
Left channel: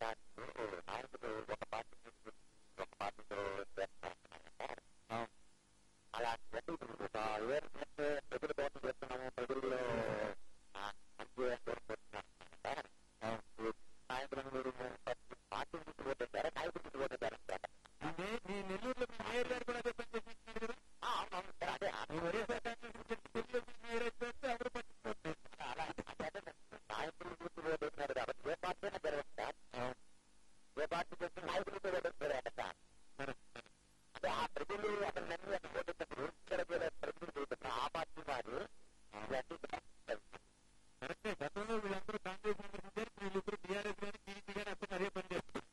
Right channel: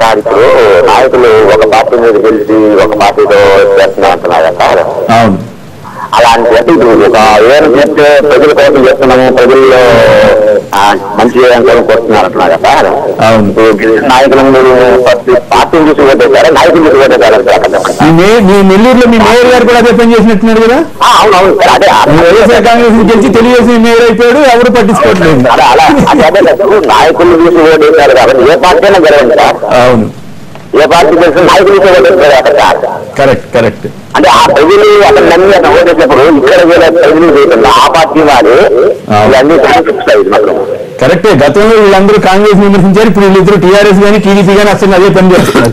సార్, ఇప్పుడు నాయకులు ఒక పార్టీ మీద గెలిచి ఒక పార్టీతో చేస్తున్నా అంటున్నారు సార్. అవును, అలాంటి ఒక ఏం చేస్తే ప్రజల కోసం చేస్తున్నాము, ప్రజల్లో మంచి చేయాలని కోరుతున్నారు అంటున్నారు సార్. అవును, నాయకులు పార్టీని చూసి ఓటేశారా, నాయకులు చూసి ఓటేశారా? మీ నెల్లూరులో మీ మేయర్ గారు కూడా అదే పని చేసినట్టున్నారు కదా? అవునవును సార్, అదే వైఎస్ఆర్ కాంగ్రెస్ గెలిచి తెలుగుదేశం మేయర్ అయిపోయాడు, ఎవరు పట్టించుకోవట్లేదు. అదే నాయకులు చూసి ఓటేశారు కాబట్టి ఏ పార్టీ అయినా గెలవండి సార్. అవును, ఏ పార్టీ తెలిసిన నాయకులు చూసి ఓటేస్తారు సార్. Correct correct. అంటే ఆ ప్రజలు అతను నమ్మి అతను ఓటేసినప్పుడు ఇక్కడ ప్రజలు చేయకుండా ఆ పార్టీ వారు ఇవన్నీ చూపిస్తాయి మాకు. కరెక్టే. గతంలో వీళ్ళందరూ కాంగ్రెస్ విమర్శించారు, ఇప్పుడు వీళ్ళిద్దరు టీఆర్ఎస్ కానీ టీడీపీ కానీ అసలు అదే పని చేస్తున్నారు.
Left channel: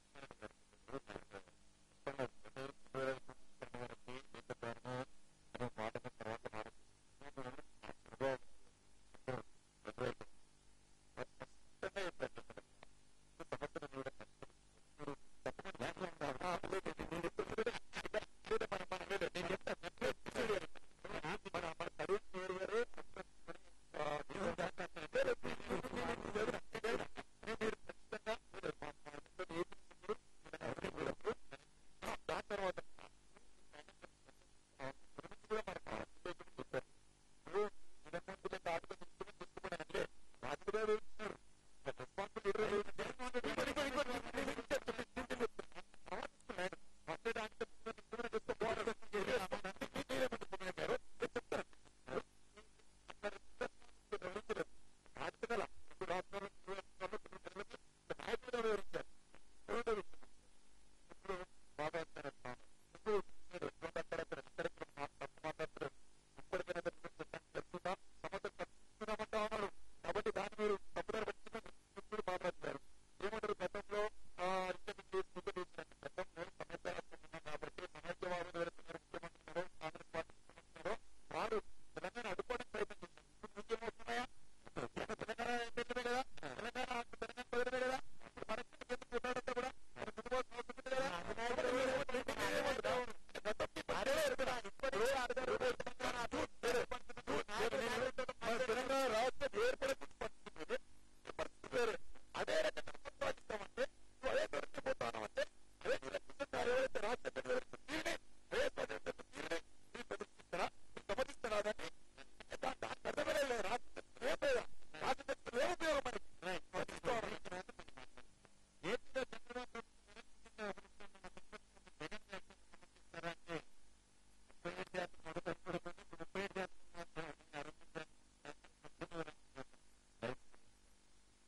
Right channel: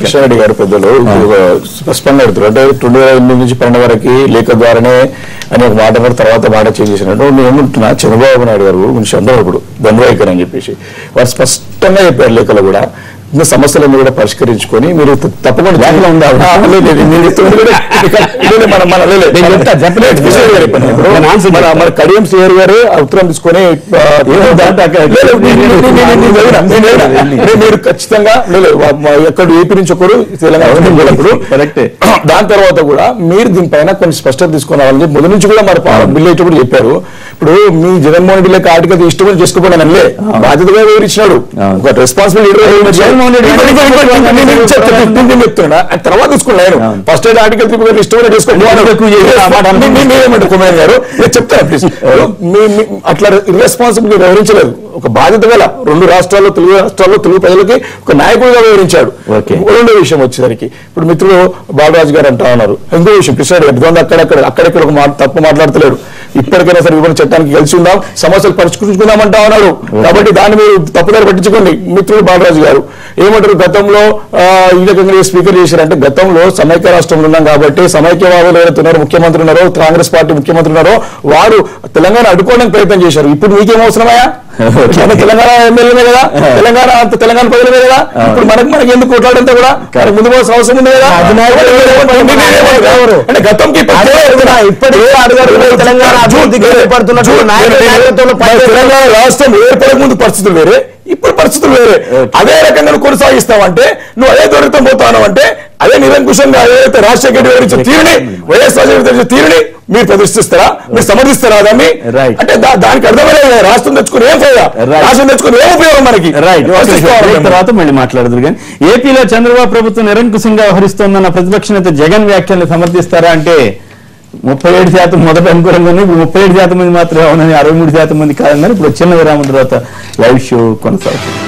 కృష్ణారెడ్డి గారు పెద్దలు స్పష్టంగా పెడుతున్నారు. అంటే 2008 నుంచి 12 వరకు లేఖ ద్వారానే అని ఒక మాట కూడా తర్వాత మాట చేంజ్ చేసినట్టు నేను ఏమంటున్నా, చంద్రబాబు నాయుడు గారు గురించి అందరూ ఇప్పుడు దండవైఖరి అని చెప్పేసి వారు స్పష్టంగా చెప్పారు లేఖలో కూడా. ఇంకా సమస్యలన్నీ కూడా పరిష్కరించుకొని మీరు తప్పకుండా జాగ్రత్తగా ఉండాలి. మన కడియం సిఆర్ గారు ఉత్తరం తీసుకొని మీరు ఖచ్చితంగా ఎక్కడ ఏపీ నుంచి ఒకరు తెలంగాణ. దాని తర్వాత కూడా మీరు దీనిపైన కొన్ని స్పష్టత తీసుకున్నారని మొదటి నుంచి కూడా మరి బిల్లు అయితే కూడా చెప్పారు. ఇప్పుడు మీ జగన్మోహన్ రెడ్డి లేక ఆర్టికల్ ఇష్టమని చేసుకోవడం అల్లే బాధ్యతగా వివరించినాడు. ఒక రెస్పాన్సిబిలిటీ చెప్తున్నా తర్వాత తీసుకున్నాను. ఫస్ట్ అయితే ఆర్టికల్ 3 ఇష్టమైన చేసుకోండి కుమార్ గారు చెప్తారా ప్లీజ్. అట్లా ఇర్రెస్పాన్సిబిలిటీ వివరించలేదు. ఒక బాధ్యత గల 2 రాష్ట్రాల్లో తెలుగు రాష్ట్రాల్లో తెలుగు ప్రజలకి ఒక నాయకుడిగా వివరించాడు. రెండో విషయం వచ్చేసరికి ఇప్పుడు మిత్రులు బాలరాజు గారు అంటా ఉన్నారు. ఇంకో విషయం కృష్ణారెడ్డి గారు అక్కడెక్కడ ఒక తప్పు మాట్లాడతలేడు. ఇప్పటికైనా సరే విభజన చట్టానికి కలిసి ఉందాం, సమస్యలు పరిష్కరించుకుందామంటా ఉన్నాడు. కాబట్టి దాన్ని మీరు తప్పుదారి పట్టించుకోండి. మిత్రులు బాలరాజు గారు ఏమంటారు, గతంలో ఈ రకంగా స్పీకర్ చేశారంటే గతంలో సమైక్య రాష్ట్రంలో ఉన్నాం కాబట్టి సమైక్యవాదులు ఎవరైతే ఉన్నారో ముఖ్యమంత్రి ఉన్నారో కాంగ్రెస్ పార్టీ ముఖ్యమంత్రి ఉన్నారో వారు తెలంగాణ అడ్డుకోవడానికి ప్రయత్నం చేశారు. ఇప్పుడు మీకేం అవసరమయ్యా? తెలంగాణ ఎమ్మెల్యేనే కదా, తెలంగాణ ప్రజలమే కదా. ఇప్పుడు మనకి ఎందుకు కొట్లాడంతా కూడా ముందు పోవాల్సిన అవసరం ఉంది కదా. అంటే గతంకి తెలంగాణ రాష్ట్రం ఏర్పడక ముందు పరిస్థితులు వేరే, ఇప్పుడు పరిస్థితులు వేరే. అదే రకంగా కొనసాగిస్తామంటే నువ్వు అదే దూరంతో పోతావు అంటే అదే నిరంకుశంగా ఏదైతే రాజశేఖర రెడ్డి వివరించిన తీరుని వైఎస్ రాజశేఖర తీరుని మీరు ప్రదర్శిస్తారా, మీరు సమర్థిస్తారా దాన్ని? అంటే దానికి అర్థమయ్యే రాష్ట్రం తెచ్చుకుని ఏం ఫైదా, రాష్ట్రం తెచ్చుకుని ఏం ఉపయోగం మనకి? తర్వాత మళ్ళీ మాట్లాడదురు. కానీ ఏపీలో చంద్రబాబు ప్రభుత్వం నిరంకుశంగా వ్యవహరిస్తోందన్న ప్రతిపక్ష నేత జగన్ వ్యాఖ్యల్ని సమర్థిస్తారా అంటే 37% మొదట అనుకూలంగా ఉంది. ఇప్పుడు 37% మంది మాత్రమే అవునని, 63% మంది కాదన్నారు. ఇప్పుడు చిన్న విరామం తర్వాత లైవ్ షో కొనసాగుతుంది.